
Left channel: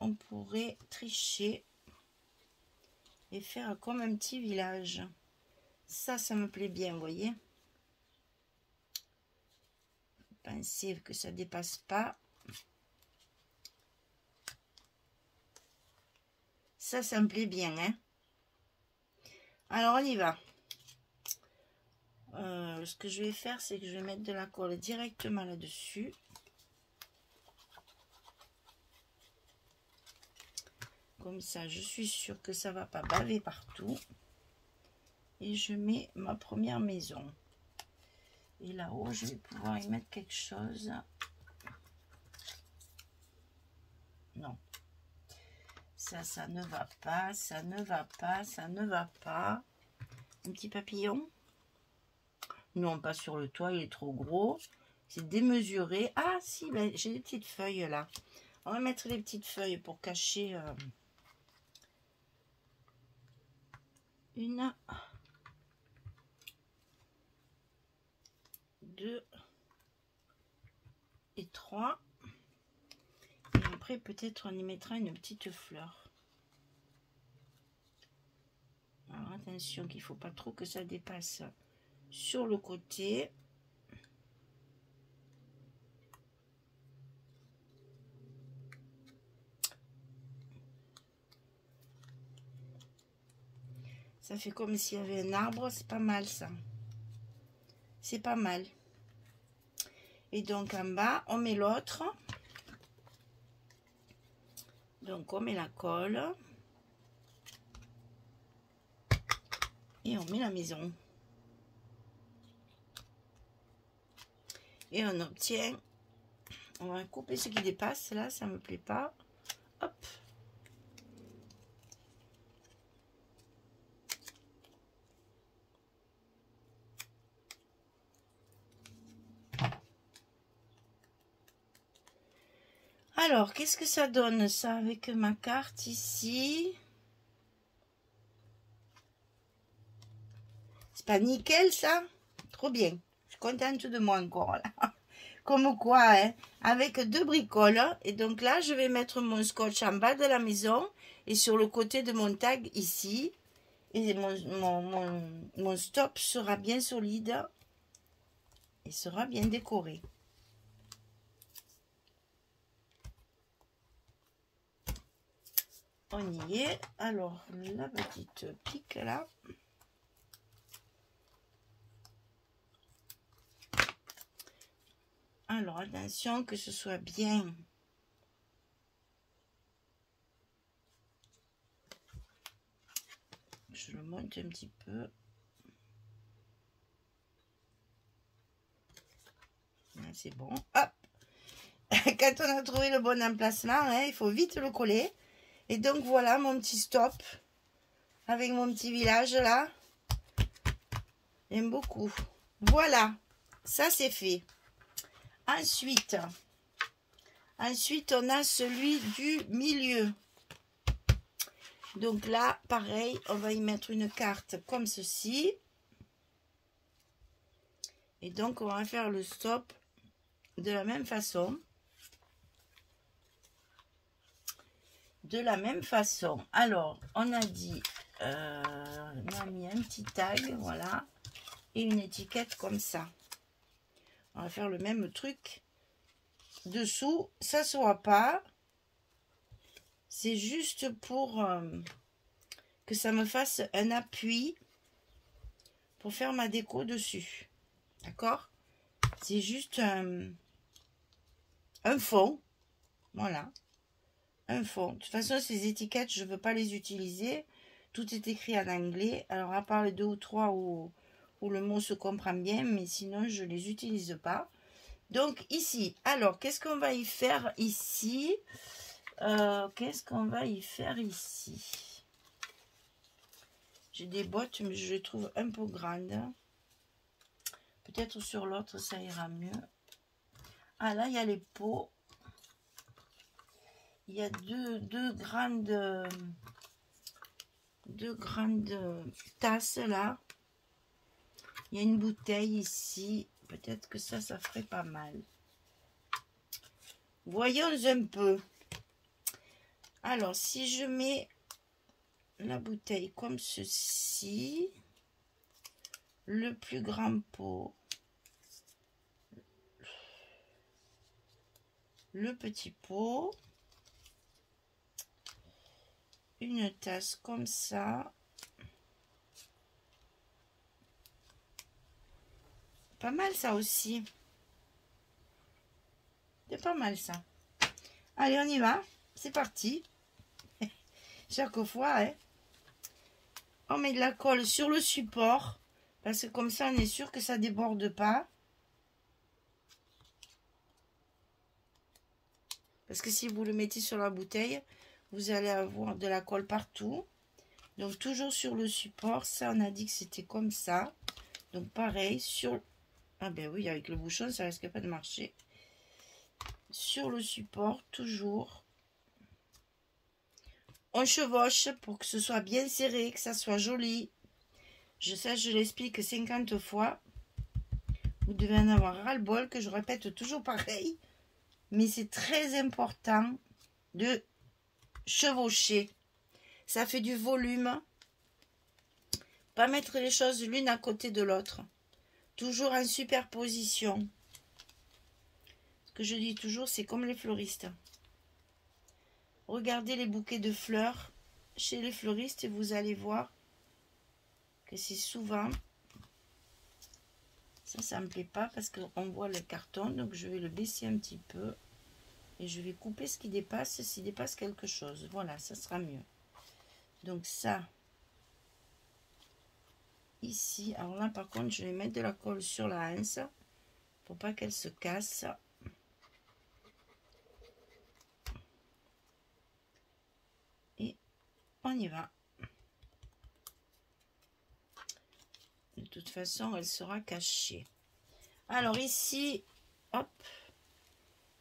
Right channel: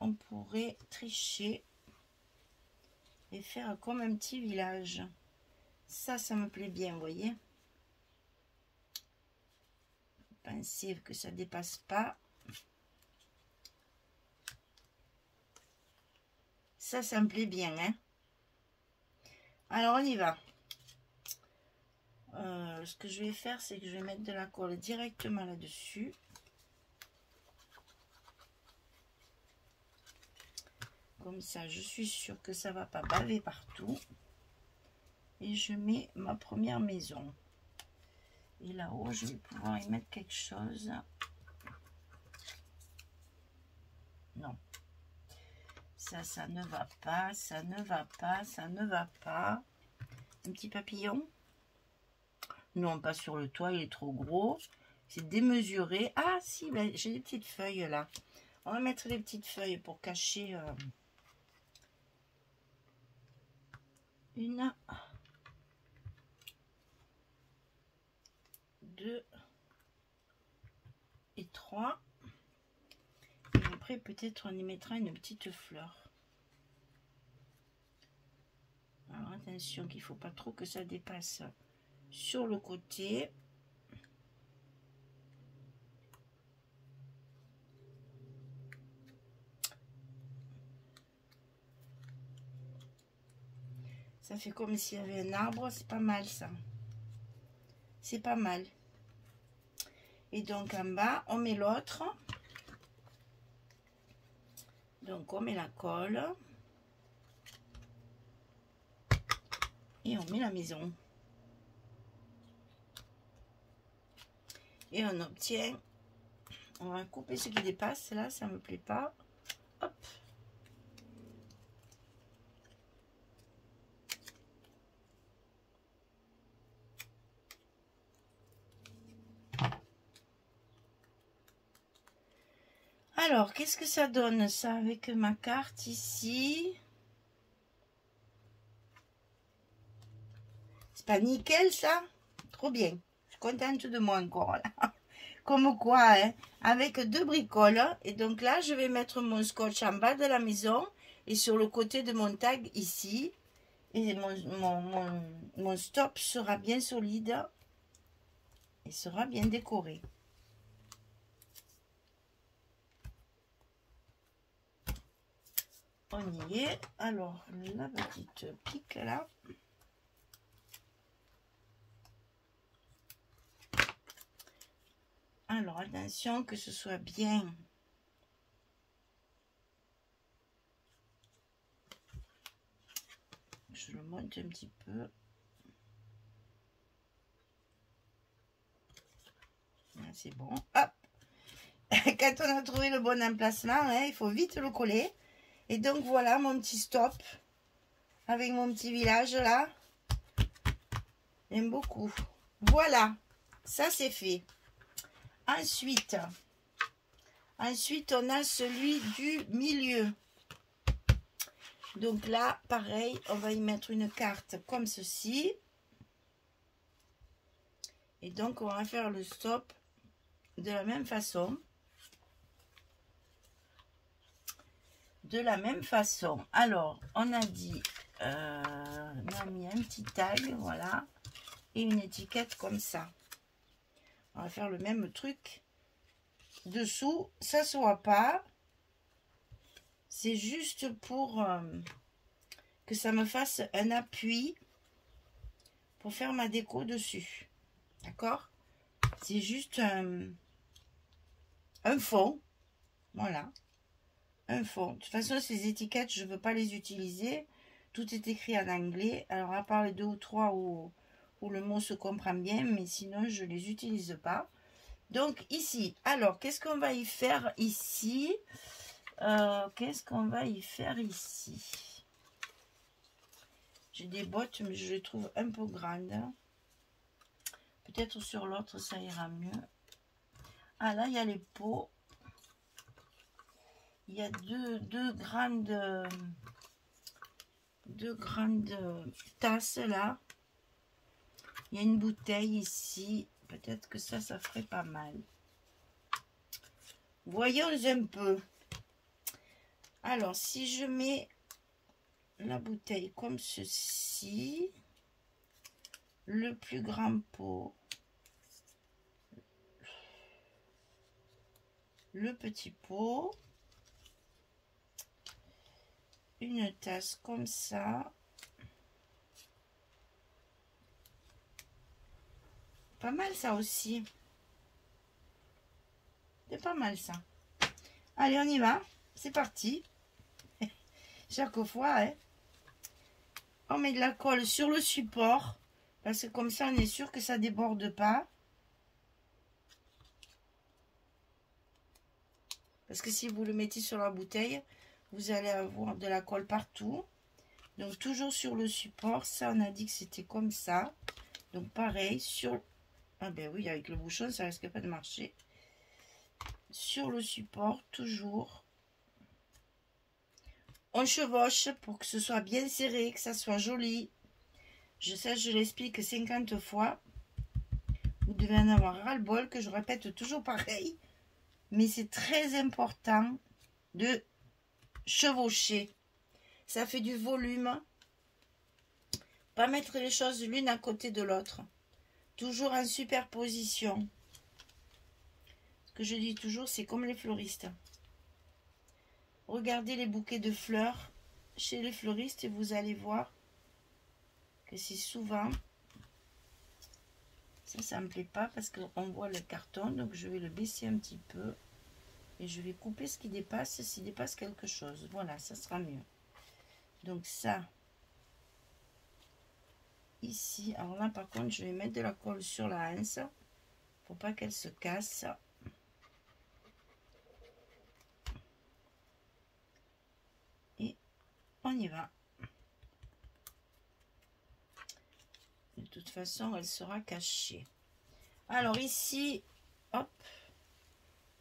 on pourrait tricher et faire comme un petit village. Ça me plaît bien, vous voyez. Pensez que ça dépasse pas. Ça me plaît bien, hein. Alors, on y va. Ce que je vais faire, c'est que je vais mettre de la colle directement là-dessus. Comme ça, je suis sûre que ça va pas baver partout. Et je mets ma première maison. Et là-haut, je vais pouvoir y mettre quelque chose. Non. Ça ne va pas, ça ne va pas, ça ne va pas. Un petit papillon. Non, pas sur le toit, il est trop gros. C'est démesuré. Ah, si, ben, j'ai des petites feuilles là. On va mettre les petites feuilles pour cacher... Une, 2 et 3. Et après, peut-être on y mettra une petite fleur. Alors, attention qu'il ne faut pas trop que ça dépasse sur le côté. Ça fait comme s'il y avait un arbre. C'est pas mal ça. C'est pas mal. Et donc en bas, on met l'autre. Donc on met la colle. Et on met la maison. Et on obtient... On va couper ce qui dépasse. Là, ça me plaît pas. Hop. Alors, qu'est-ce que ça donne ça avec ma carte ici? C'est pas nickel ça? Trop bien. Je suis contente de moi encore là. Comme quoi, hein? Avec 2 bricoles. Et donc là, je vais mettre mon scotch en bas de la maison et sur le côté de mon tag ici. Et mon stop sera bien solide et sera bien décoré. On y est. Alors, la petite pique là. Alors, attention que ce soit bien. Je le monte un petit peu. C'est bon. Hop. Quand on a trouvé le bon emplacement, hein, il faut vite le coller. Et donc, voilà mon petit stop. Avec mon petit village là. J'aime beaucoup. Voilà. Ça, c'est fait. Ensuite, on a celui du milieu. Donc là, pareil, on va y mettre une carte comme ceci. Et donc, on va faire le stop de la même façon. De la même façon. Alors, on a dit, on a mis un petit tag, voilà. Et une étiquette comme ça. On va faire le même truc. Dessous, ça ne se voit pas. C'est juste pour que ça me fasse un appui pour faire ma déco dessus. D'accord? C'est juste un fond. Voilà. Un fond. De toute façon, ces étiquettes, je ne veux pas les utiliser. Tout est écrit en anglais. Alors, à part les 2 ou 3 où le mot se comprend bien, mais sinon, je ne les utilise pas. Donc, ici, alors, qu'est-ce qu'on va y faire ici? J'ai des bottes, mais je les trouve un peu grandes. Peut-être sur l'autre, ça ira mieux. Ah, là, il y a les pots. Il y a deux grandes tasses, là. Il y a une bouteille ici. Peut-être que ça ferait pas mal. Voyons un peu. Alors, si je mets la bouteille comme ceci, le plus grand pot, le petit pot, une tasse comme ça, pas mal ça aussi, c'est pas mal ça. Allez, on y va, c'est parti. Chaque fois, hein, on met de la colle sur le support, parce que comme ça, on est sûr que ça déborde pas. Parce que si vous le mettez sur la bouteille, vous allez avoir de la colle partout. Donc, toujours sur le support. Ça, on a dit que c'était comme ça. Donc, pareil, sur... Ah ben oui, avec le bouchon, ça risque pas de marcher. Sur le support, toujours. On chevauche pour que ce soit bien serré, que ça soit joli. Je l'explique 50 fois. Vous devez en avoir ras-le-bol, que je répète toujours pareil. Mais c'est très important de chevaucher. Ça fait du volume. Pas mettre les choses l'une à côté de l'autre. Toujours en superposition. Ce que je dis toujours, c'est comme les fleuristes. Regardez les bouquets de fleurs chez les fleuristes et vous allez voir que c'est souvent... Ça me plaît pas parce qu'on voit le carton. Donc, je vais le baisser un petit peu. Et je vais couper ce qui dépasse, s'il dépasse quelque chose. Voilà, ça sera mieux. Donc, ça... Ici, alors là par contre je vais mettre de la colle sur la hanse pour pas qu'elle se casse. Et on y va. De toute façon elle sera cachée. Alors ici, hop,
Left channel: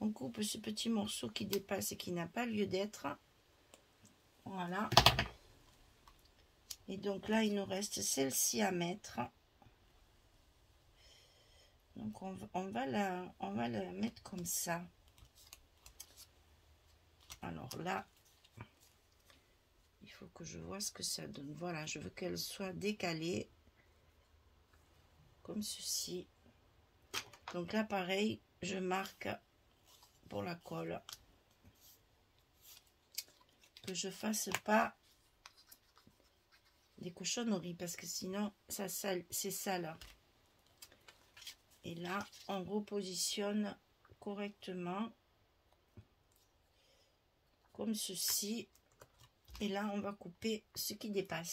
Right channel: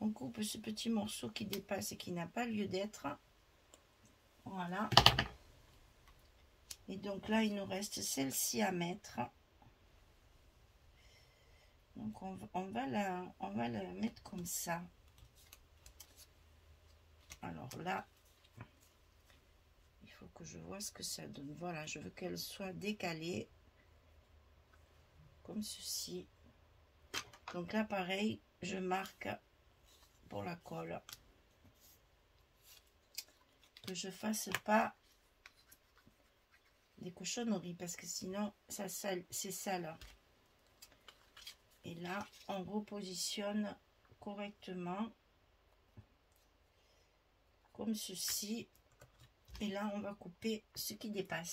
on coupe ce petit morceau qui dépasse et qui n'a pas lieu d'être. Voilà. Et donc là, il nous reste celle-ci à mettre. Donc on va la mettre comme ça. Alors là, il faut que je vois ce que ça donne. Voilà, je veux qu'elle soit décalée. Comme ceci. Donc là, pareil, je marque pour la colle. Que je fasse pas des cochonneries parce que sinon ça c'est sale. Et là on repositionne correctement comme ceci et là on va couper ce qui dépasse.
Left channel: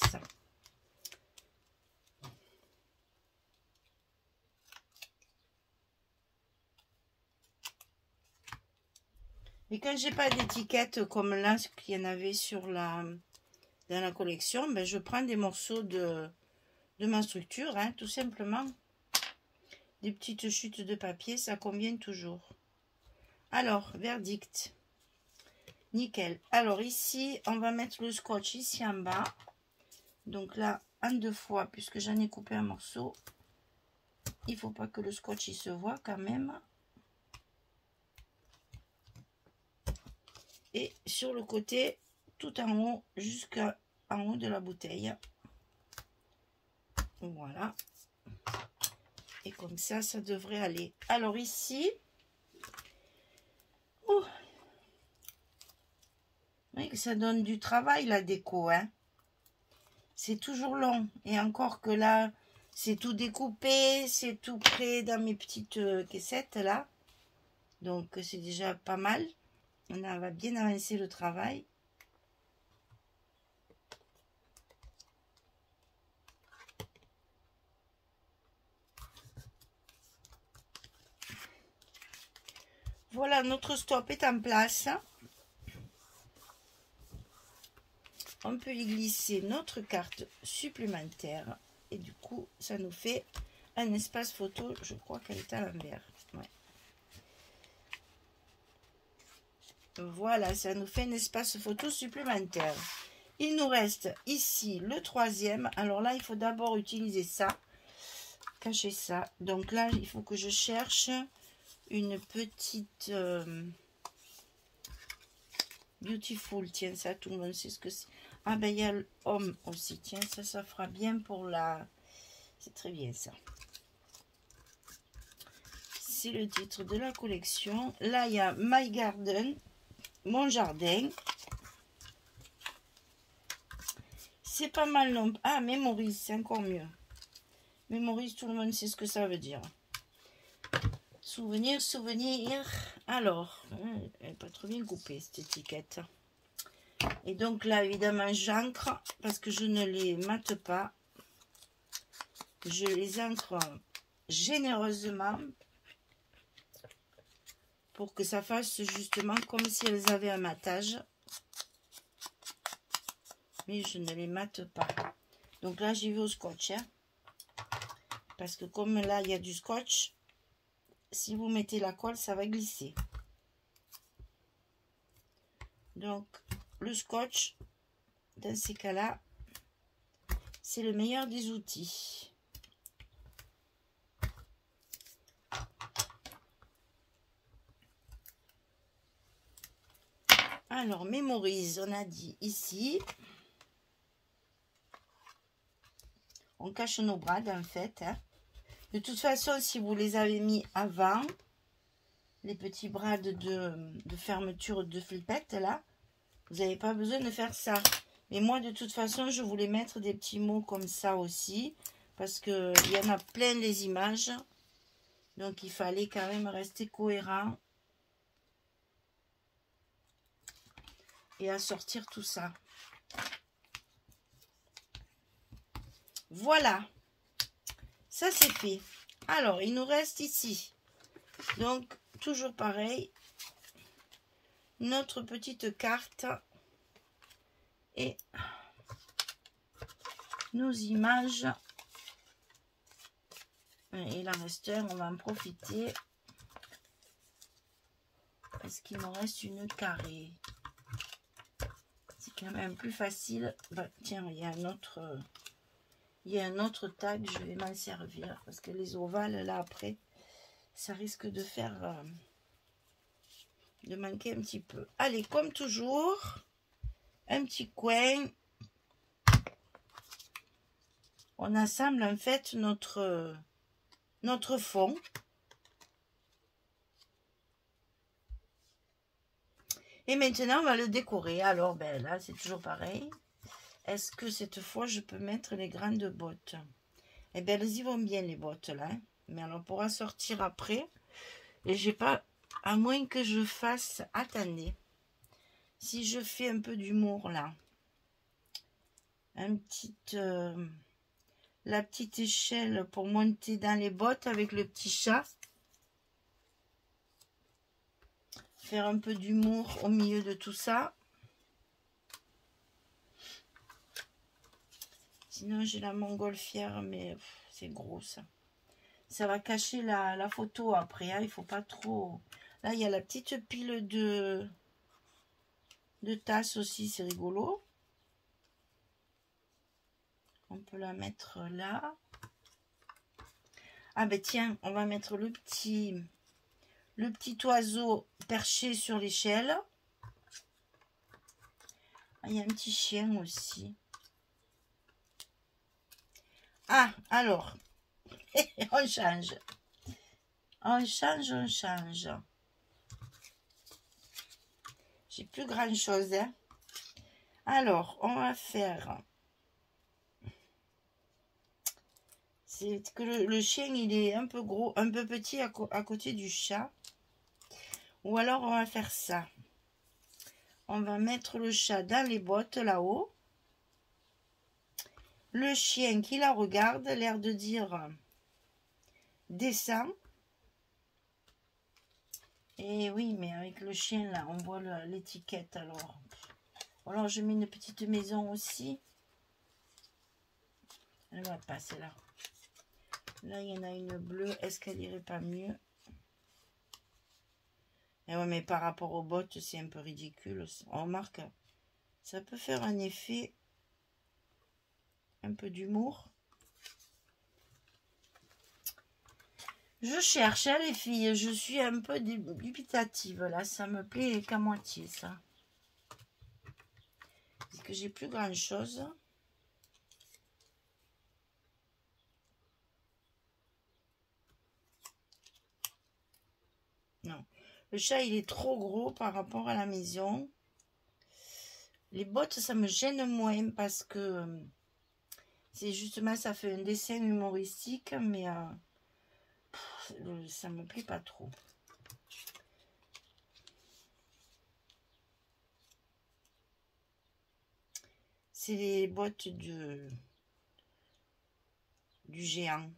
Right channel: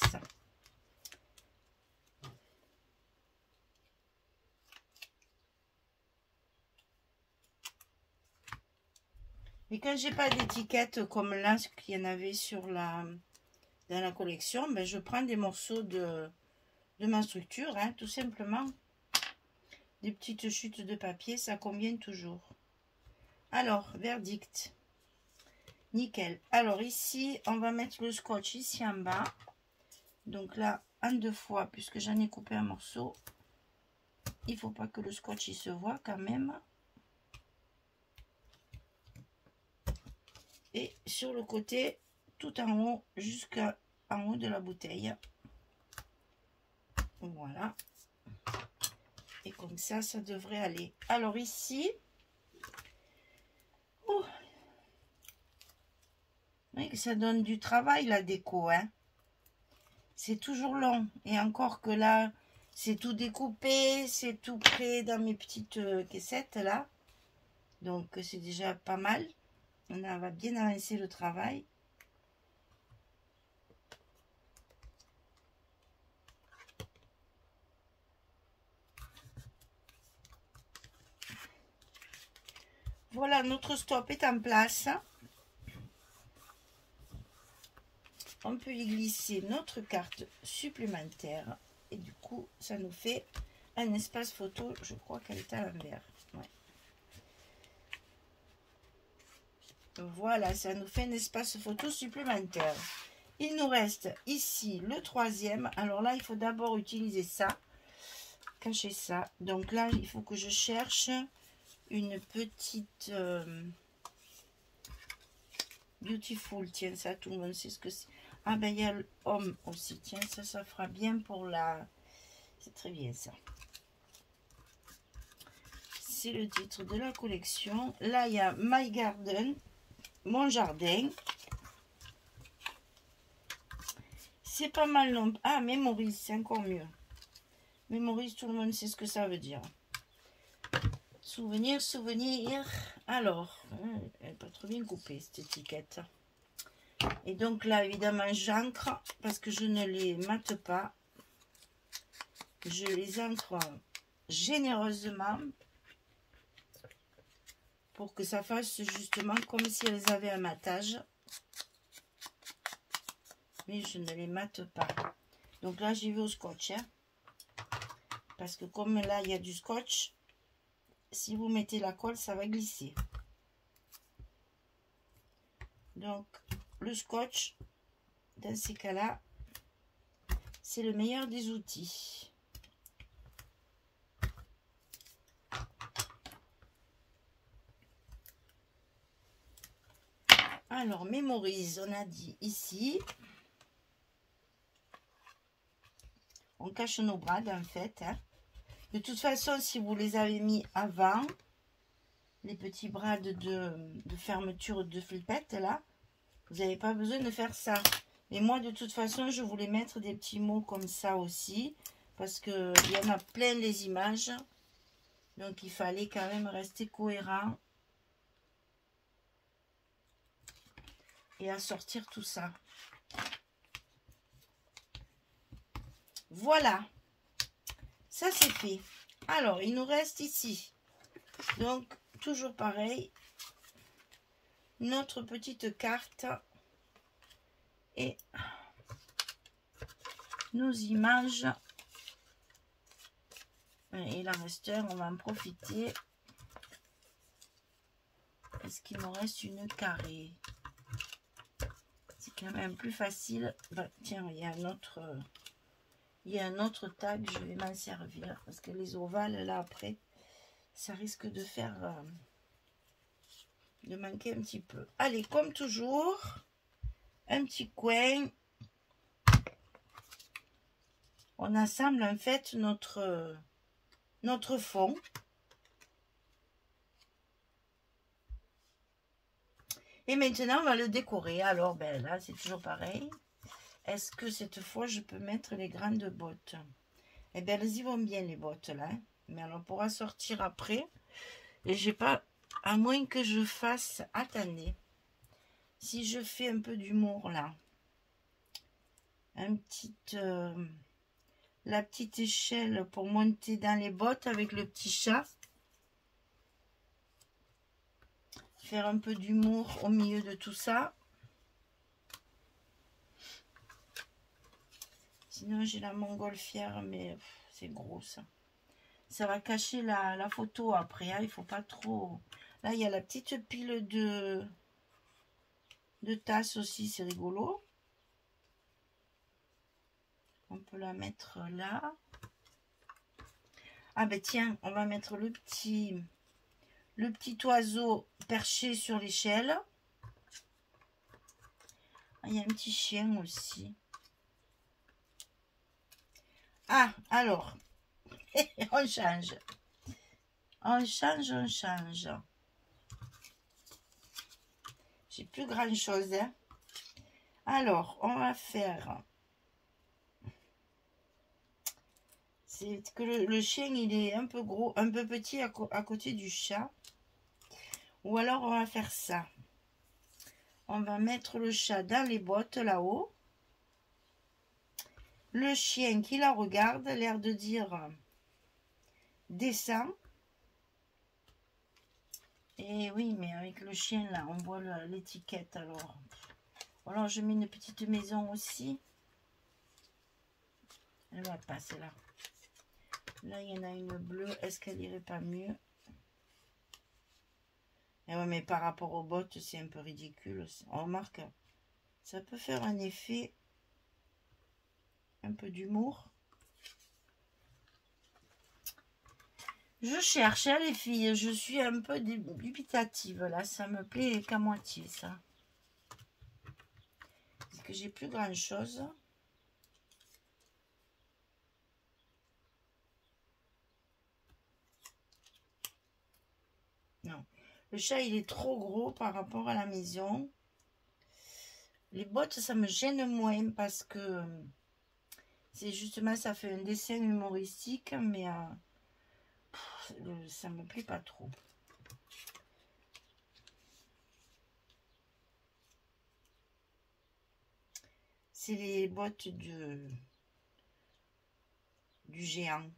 Mais quand j'ai pas d'étiquette comme là ce qu'il y en avait sur dans la collection, ben je prends des morceaux de ma structure, hein, tout simplement. Des petites chutes de papier, ça convient toujours. Alors, verdict. Nickel. Alors ici, on va mettre le scotch ici en bas. Donc là, en 2 fois, puisque j'en ai coupé un morceau. Il faut pas que le scotch il se voit quand même. Et sur le côté, tout en haut, jusqu'en haut de la bouteille. Voilà. Et comme ça, ça devrait aller. Alors ici, oh, oui, ça donne du travail la déco, hein. C'est toujours long. Et encore que là, c'est tout découpé, c'est tout prêt dans mes petites caissettes là. Donc c'est déjà pas mal. On va bien avancer le travail. Voilà, notre stop est en place. On peut y glisser notre carte supplémentaire. Et du coup, ça nous fait un espace photo. Je crois qu'elle est à l'envers. Ouais. Voilà, ça nous fait un espace photo supplémentaire. Il nous reste ici le 3e. Alors là, il faut d'abord utiliser ça. Cacher ça. Donc là, il faut que je cherche une petite Beautiful. Tiens, ça, tout le monde sait ce que c'est. Ah ben, il y a l'homme aussi. Tiens, ça fera bien pour la... C'est très bien, ça. C'est le titre de la collection. Là, il y a My Garden, mon jardin. C'est pas mal non. Ah, Memories, c'est encore mieux. Memories, tout le monde sait ce que ça veut dire. Souvenir, souvenir. Alors, elle n'est pas trop bien coupée, cette étiquette. Et donc là, évidemment, j'encre parce que je ne les mate pas. Je les encre généreusement pour que ça fasse justement comme si elles avaient un matage. Mais je ne les mate pas. Donc là, j'y vais au scotch. Hein, parce que comme là, il y a du scotch, si vous mettez la colle, ça va glisser. Donc, le scotch, dans ces cas-là, c'est le meilleur des outils. Alors, mémorise, on a dit ici. On cache nos brades, en fait. Hein. De toute façon, si vous les avez mis avant, les petits brades de fermeture de flippette, là, vous n'avez pas besoin de faire ça. Mais moi, de toute façon, je voulais mettre des petits mots comme ça aussi. Parce qu'il y en a plein les images. Donc, il fallait quand même rester cohérent. Et assortir tout ça. Voilà. Ça, c'est fait. Alors, il nous reste ici. Donc, toujours pareil. Notre petite carte. Et nos images. Et la reste, on va en profiter. Parce qu'il nous reste une carrée. C'est quand même plus facile. Bah, tiens, il y a un autre tag. Je vais m'en servir. Parce que les ovales, là, après, ça risque de faire... de manquer un petit peu. Allez, comme toujours, un petit coin. On assemble en fait notre fond. Et maintenant, on va le décorer. Alors, ben là, c'est toujours pareil. Est-ce que cette fois, je peux mettre les grandes bottes? Eh bien, elles y vont bien, les bottes, là. Hein. Mais on pourra sortir après. Et j'ai pas... À moins que je fasse... Attendez. Si je fais un peu d'humour, là. La petite échelle pour monter dans les bottes avec le petit chat. Faire un peu d'humour au milieu de tout ça. Sinon, j'ai la montgolfière, mais c'est gros, ça. Ça va cacher la photo après. Hein. Il faut pas trop... Là, il y a la petite pile de tasses aussi. C'est rigolo. On peut la mettre là. Ah ben tiens, on va mettre le petit oiseau perché sur l'échelle. Ah, il y a un petit chien aussi. Ah, alors, on change. On change, on change. J'ai plus grand chose. Hein. Alors, on va faire... C'est que le chien, il est un peu gros, un peu petit à côté du chat. Ou alors, on va faire ça. On va mettre le chat dans les bottes, là-haut. Le chien qui la regarde, l'air de dire descend. Et oui, mais avec le chien, là, on voit l'étiquette, alors. Alors, je mets une petite maison aussi. Elle va passer là. Là, il y en a une bleue. Est-ce qu'elle irait pas mieux? Et ouais, mais par rapport aux bottes, c'est un peu ridicule. On remarque, ça peut faire un effet, un peu d'humour. Je cherche, hein, les filles. Je suis un peu dubitative, là. Ça me plaît qu'à moitié, ça. Parce que j'ai plus grand-chose. Non. Le chat, il est trop gros par rapport à la maison. Les bottes, ça me gêne moins parce que c'est justement, ça fait un dessin humoristique, mais ça me plaît pas trop. C'est les bottes du géant.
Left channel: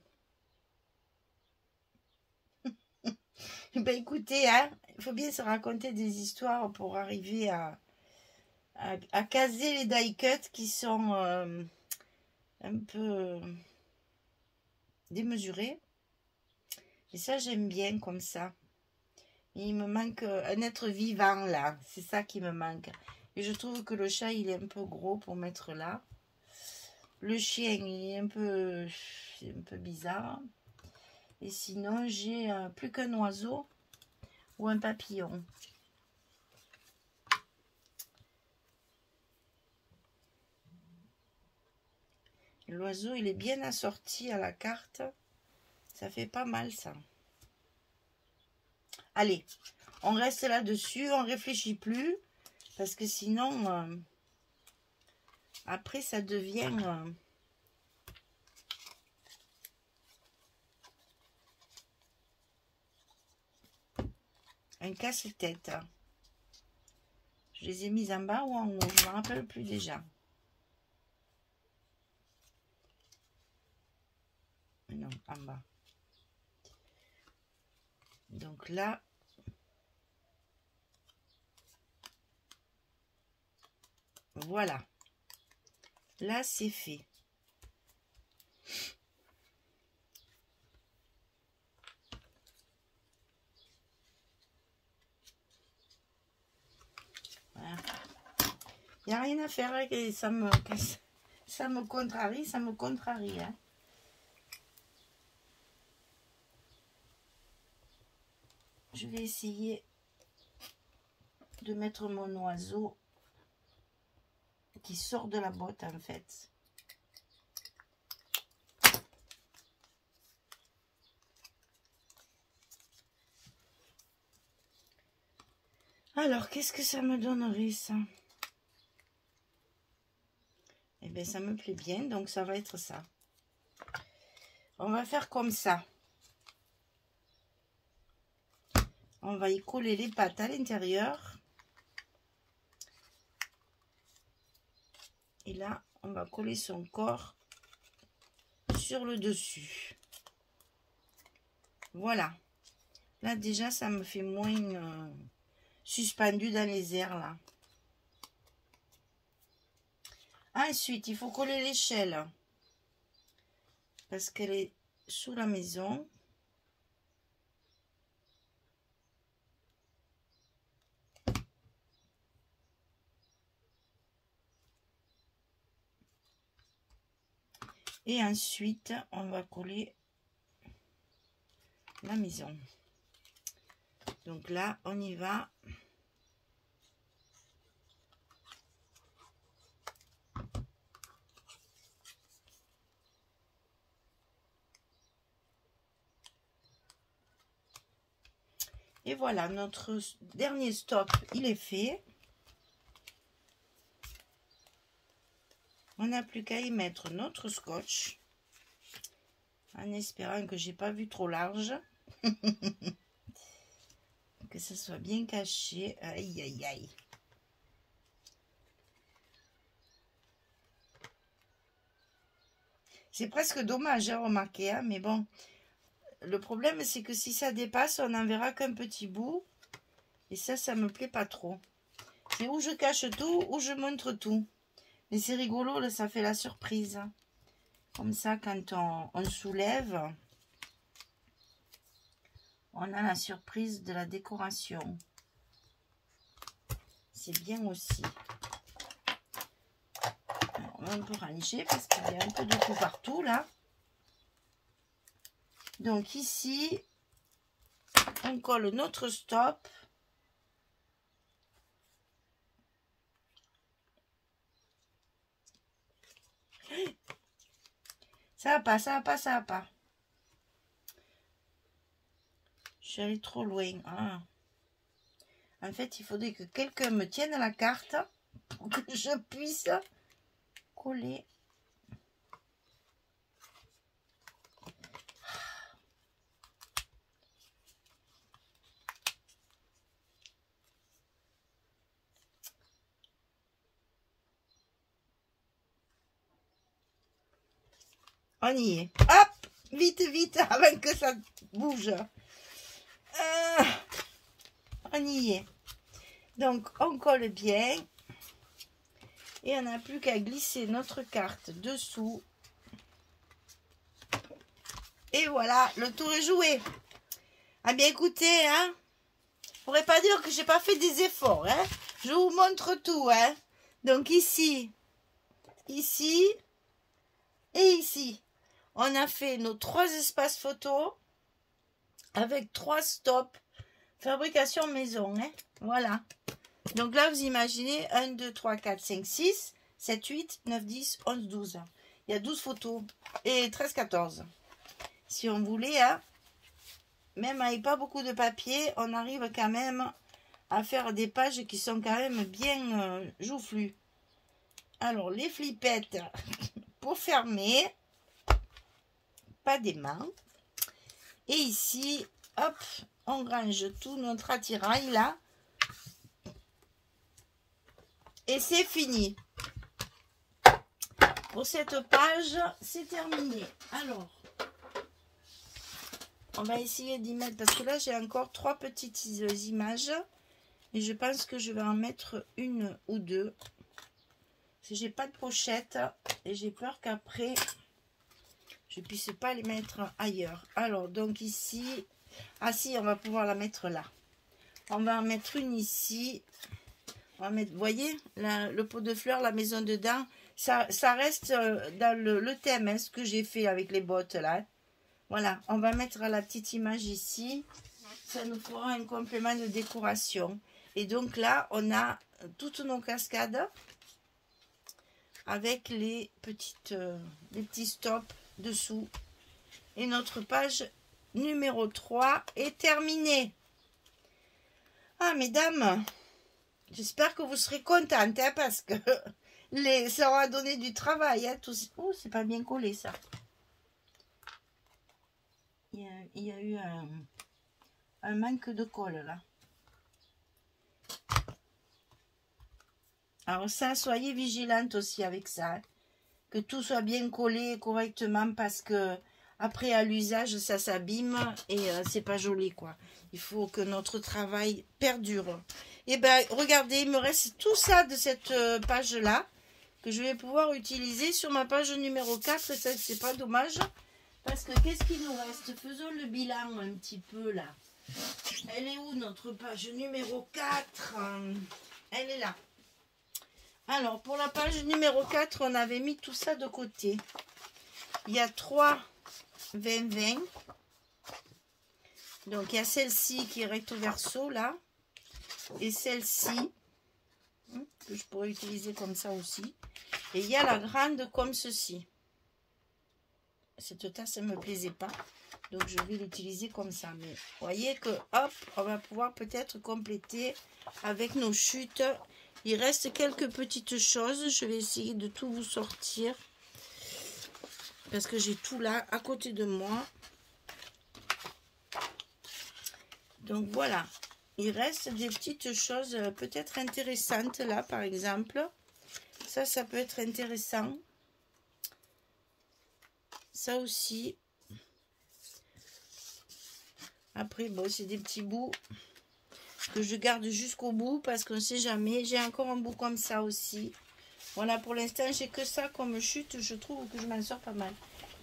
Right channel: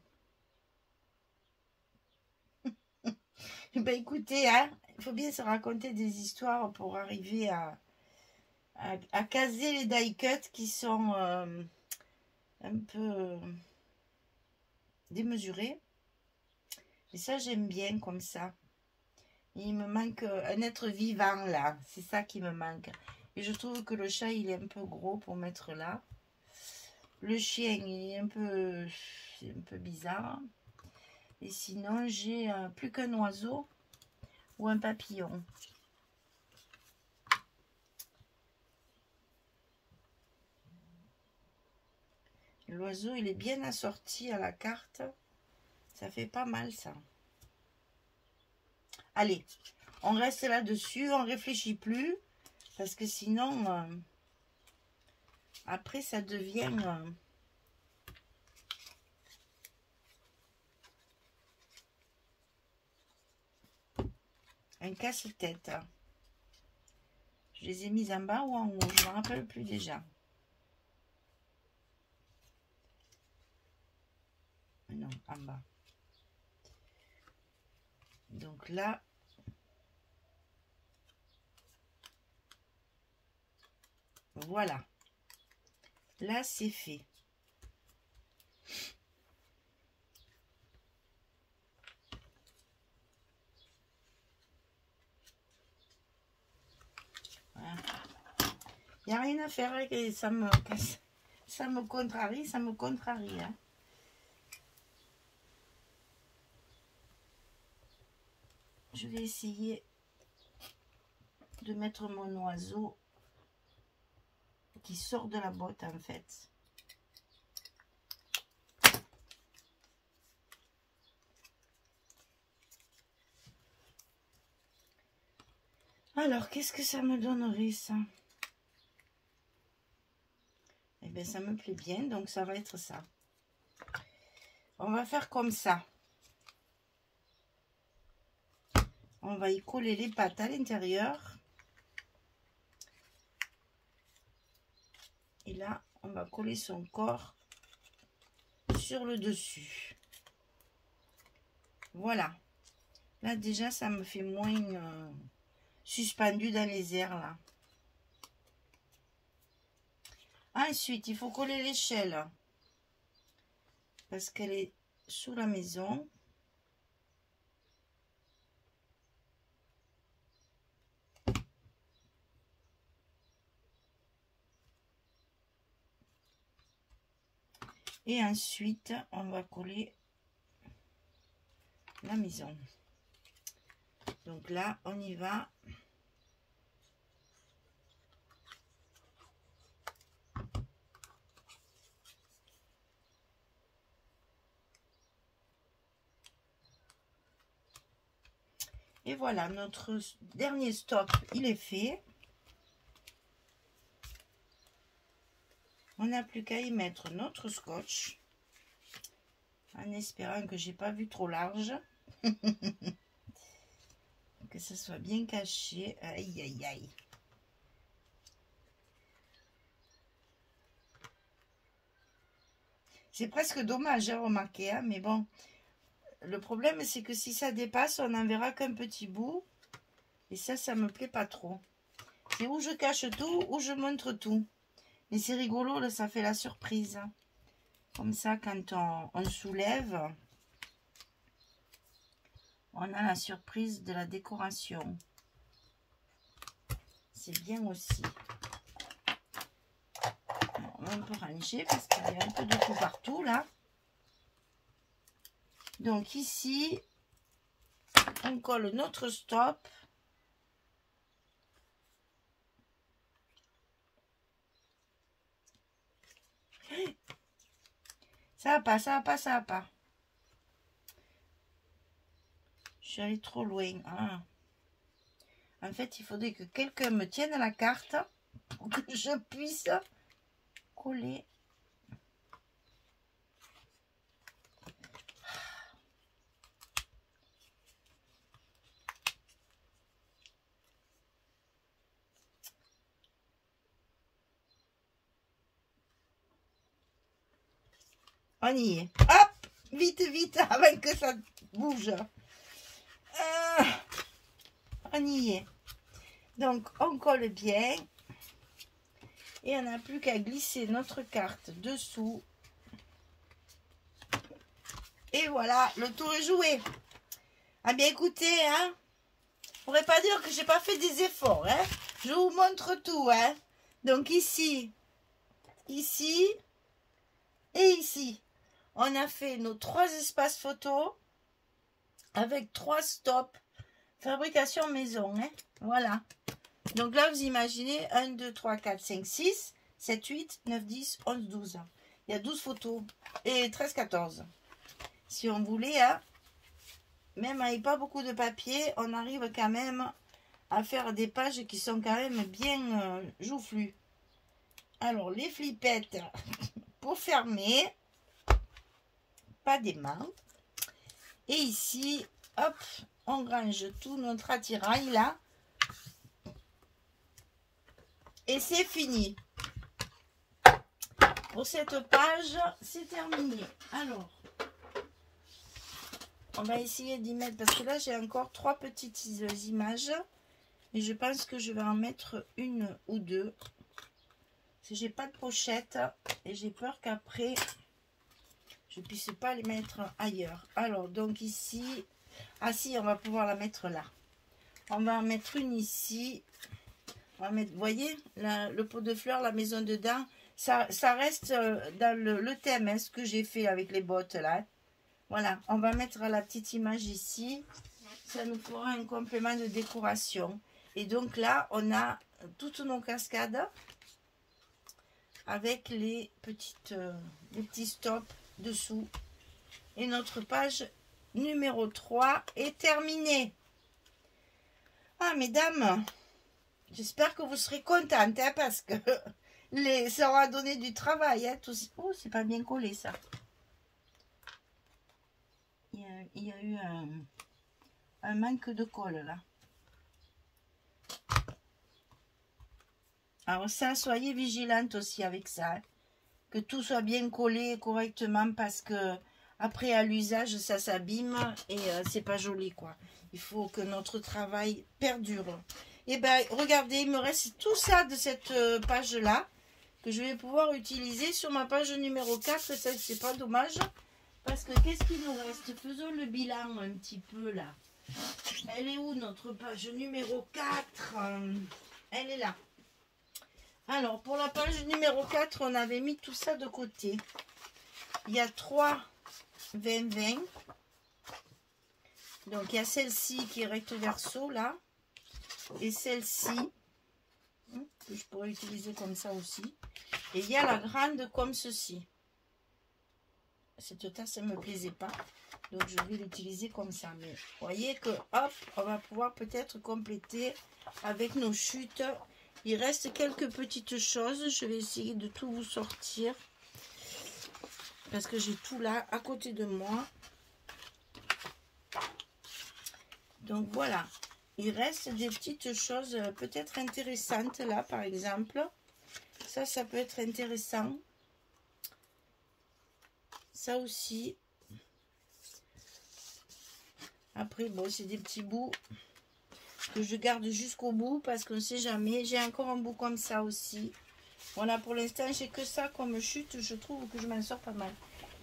Ben écoutez, hein, il faut bien se raconter des histoires pour arriver à caser les die cuts qui sont un peu démesurés. Et ça, j'aime bien comme ça. Et il me manque un être vivant là. C'est ça qui me manque. Et je trouve que le chat, il est un peu gros pour mettre là. Le chien, il est un peu bizarre. Et sinon, j'ai plus qu'un oiseau ou un papillon. L'oiseau, il est bien assorti à la carte. Ça fait pas mal, ça. Allez, on reste là-dessus. On réfléchit plus. Parce que sinon, Après, ça devient un casse-tête. Je les ai mises en bas ou en haut, je ne me rappelle plus déjà. Non, en bas. Donc là, voilà. Là, c'est fait. Voilà. Il n'y a rien à faire et ça me contrarie, ça me contrarie. Hein. Je vais essayer de mettre mon oiseau qui sort de la botte en fait. Alors, qu'est-ce que ça me donnerait ça? Eh bien, ça me plaît bien, donc ça va être ça. On va faire comme ça. On va y coller les pattes à l'intérieur. Et là, on va coller son corps sur le dessus. Voilà. Là, déjà, ça me fait moins suspendu dans les airs, là. Ensuite, il faut coller l'échelle. Parce qu'elle est sous la maison. Et ensuite, on va coller la maison. Donc là, on y va. Et voilà, notre dernier stop, il est fait. On n'a plus qu'à y mettre notre scotch. En espérant que j'ai pas vu trop large. Que ça soit bien caché. Aïe, aïe, aïe. C'est presque dommage, hein, remarquez, hein, mais bon. Le problème, c'est que si ça dépasse, on n'en verra qu'un petit bout. Et ça me plaît pas trop. C'est où je cache tout, ou je montre tout. Mais c'est rigolo, là, ça fait la surprise. Comme ça, quand on soulève, on a la surprise de la décoration. C'est bien aussi. Alors, on va un peu ranger parce qu'il y a un peu de tout partout, là. Donc ici, on colle notre stop. Ça va pas, ça va pas, ça va pas. Je suis allée trop loin. Ah. En fait, il faudrait que quelqu'un me tienne la carte pour que je puisse coller. On y est. Hop! Vite, vite, avant que ça bouge. On y est. Donc, on colle bien. Et on n'a plus qu'à glisser notre carte dessous. Et voilà, le tour est joué. Ah bien, écoutez, hein. Je pourrais pas dire que j'ai pas fait des efforts, hein. Je vous montre tout, hein. Donc ici, ici et ici. On a fait nos 3 espaces photos avec 3 stops fabrication maison. Hein. Voilà. Donc là, vous imaginez 1, 2, 3, 4, 5, 6, 7, 8, 9, 10, 11, 12. Il y a 12 photos et 13, 14. Si on voulait, hein, même avec pas beaucoup de papier, on arrive quand même à faire des pages qui sont quand même bien joufflues. Alors, les flippettes pour fermer. Pas d'aimant. Et ici, hop, on range tout notre attirail là. Et c'est fini. Pour cette page, c'est terminé. Alors, on va essayer d'y mettre, parce que là, j'ai encore 3 petites images. Et je pense que je vais en mettre une ou deux. Parce que j'ai pas de pochette. Et j'ai peur qu'après, je ne puisse pas les mettre ailleurs. Alors, donc ici... Ah si, on va pouvoir la mettre là. On va en mettre une ici. On va mettre, vous voyez, le pot de fleurs, la maison dedans. Ça reste dans le thème, hein, ce que j'ai fait avec les bottes là. Voilà, on va mettre la petite image ici. Ça nous fera un complément de décoration. Et donc là, on a toutes nos cascades avec les petits stops dessous. Et notre page numéro 3 est terminée. Ah, mesdames, j'espère que vous serez contentes, hein, parce que ça aura donné du travail. Hein, tout... Oh, c'est pas bien collé, ça. Il y a eu un manque de colle, là. Alors ça, soyez vigilantes aussi avec ça. Hein, que tout soit bien collé correctement, parce que après, à l'usage, ça s'abîme et c'est pas joli, quoi. Il faut que notre travail perdure. Et ben, regardez, il me reste tout ça de cette page-là que je vais pouvoir utiliser sur ma page numéro 4. Ça, c'est pas dommage. Parce que qu'est-ce qu'il nous reste? Faisons le bilan un petit peu, là. Elle est où, notre page numéro 4? Elle est là. Alors, pour la page numéro 4, on avait mis tout ça de côté. Il y a 3... 20-20. Donc il y a celle-ci qui est recto verso là. Et celle-ci que je pourrais utiliser comme ça aussi. Et il y a la grande comme ceci. Cette tasse, elle ne me plaisait pas. Donc je vais l'utiliser comme ça. Mais vous voyez que hop, on va pouvoir peut-être compléter avec nos chutes. Il reste quelques petites choses. Je vais essayer de tout vous sortir. Parce que j'ai tout là, à côté de moi. Donc voilà. Il reste des petites choses peut-être intéressantes là, par exemple. Ça peut être intéressant. Ça aussi. Après, bon, c'est des petits bouts que je garde jusqu'au bout parce qu'on ne sait jamais. J'ai encore un bout comme ça aussi. Voilà, pour l'instant, j'ai que ça comme chute. Je trouve que je m'en sors pas mal.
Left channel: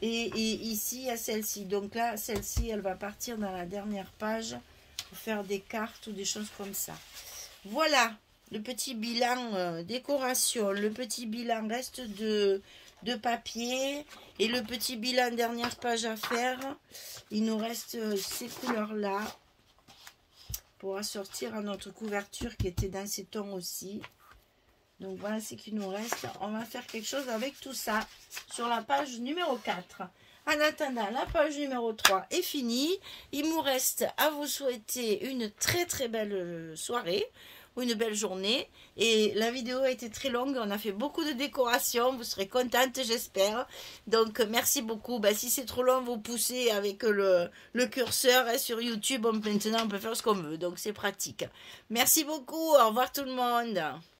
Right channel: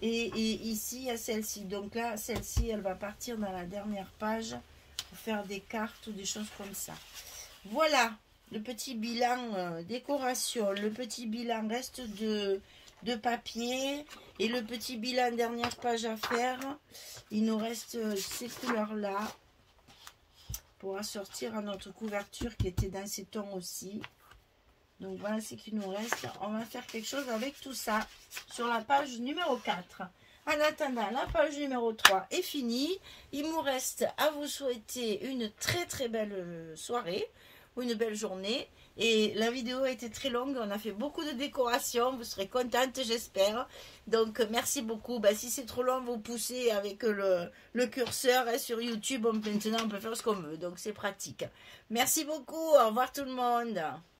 Et ici, il y a celle-ci. Donc là, celle-ci, elle va partir dans la dernière page pour faire des cartes ou des choses comme ça. Voilà, le petit bilan décoration. Le petit bilan reste de papier. Et le petit bilan dernière page à faire. Il nous reste ces couleurs-là pour assortir à notre couverture qui était dans ces tons aussi. Donc voilà ce qu'il nous reste. On va faire quelque chose avec tout ça sur la page numéro 4. En attendant, la page numéro 3 est finie. Il nous reste à vous souhaiter une très très belle soirée ou une belle journée. Et la vidéo a été très longue. On a fait beaucoup de décorations. Vous serez contente, j'espère. Donc merci beaucoup. Bah, si c'est trop long, vous poussez avec le curseur hein, sur YouTube. Maintenant, on peut faire ce qu'on veut. Donc c'est pratique. Merci beaucoup. Au revoir tout le monde.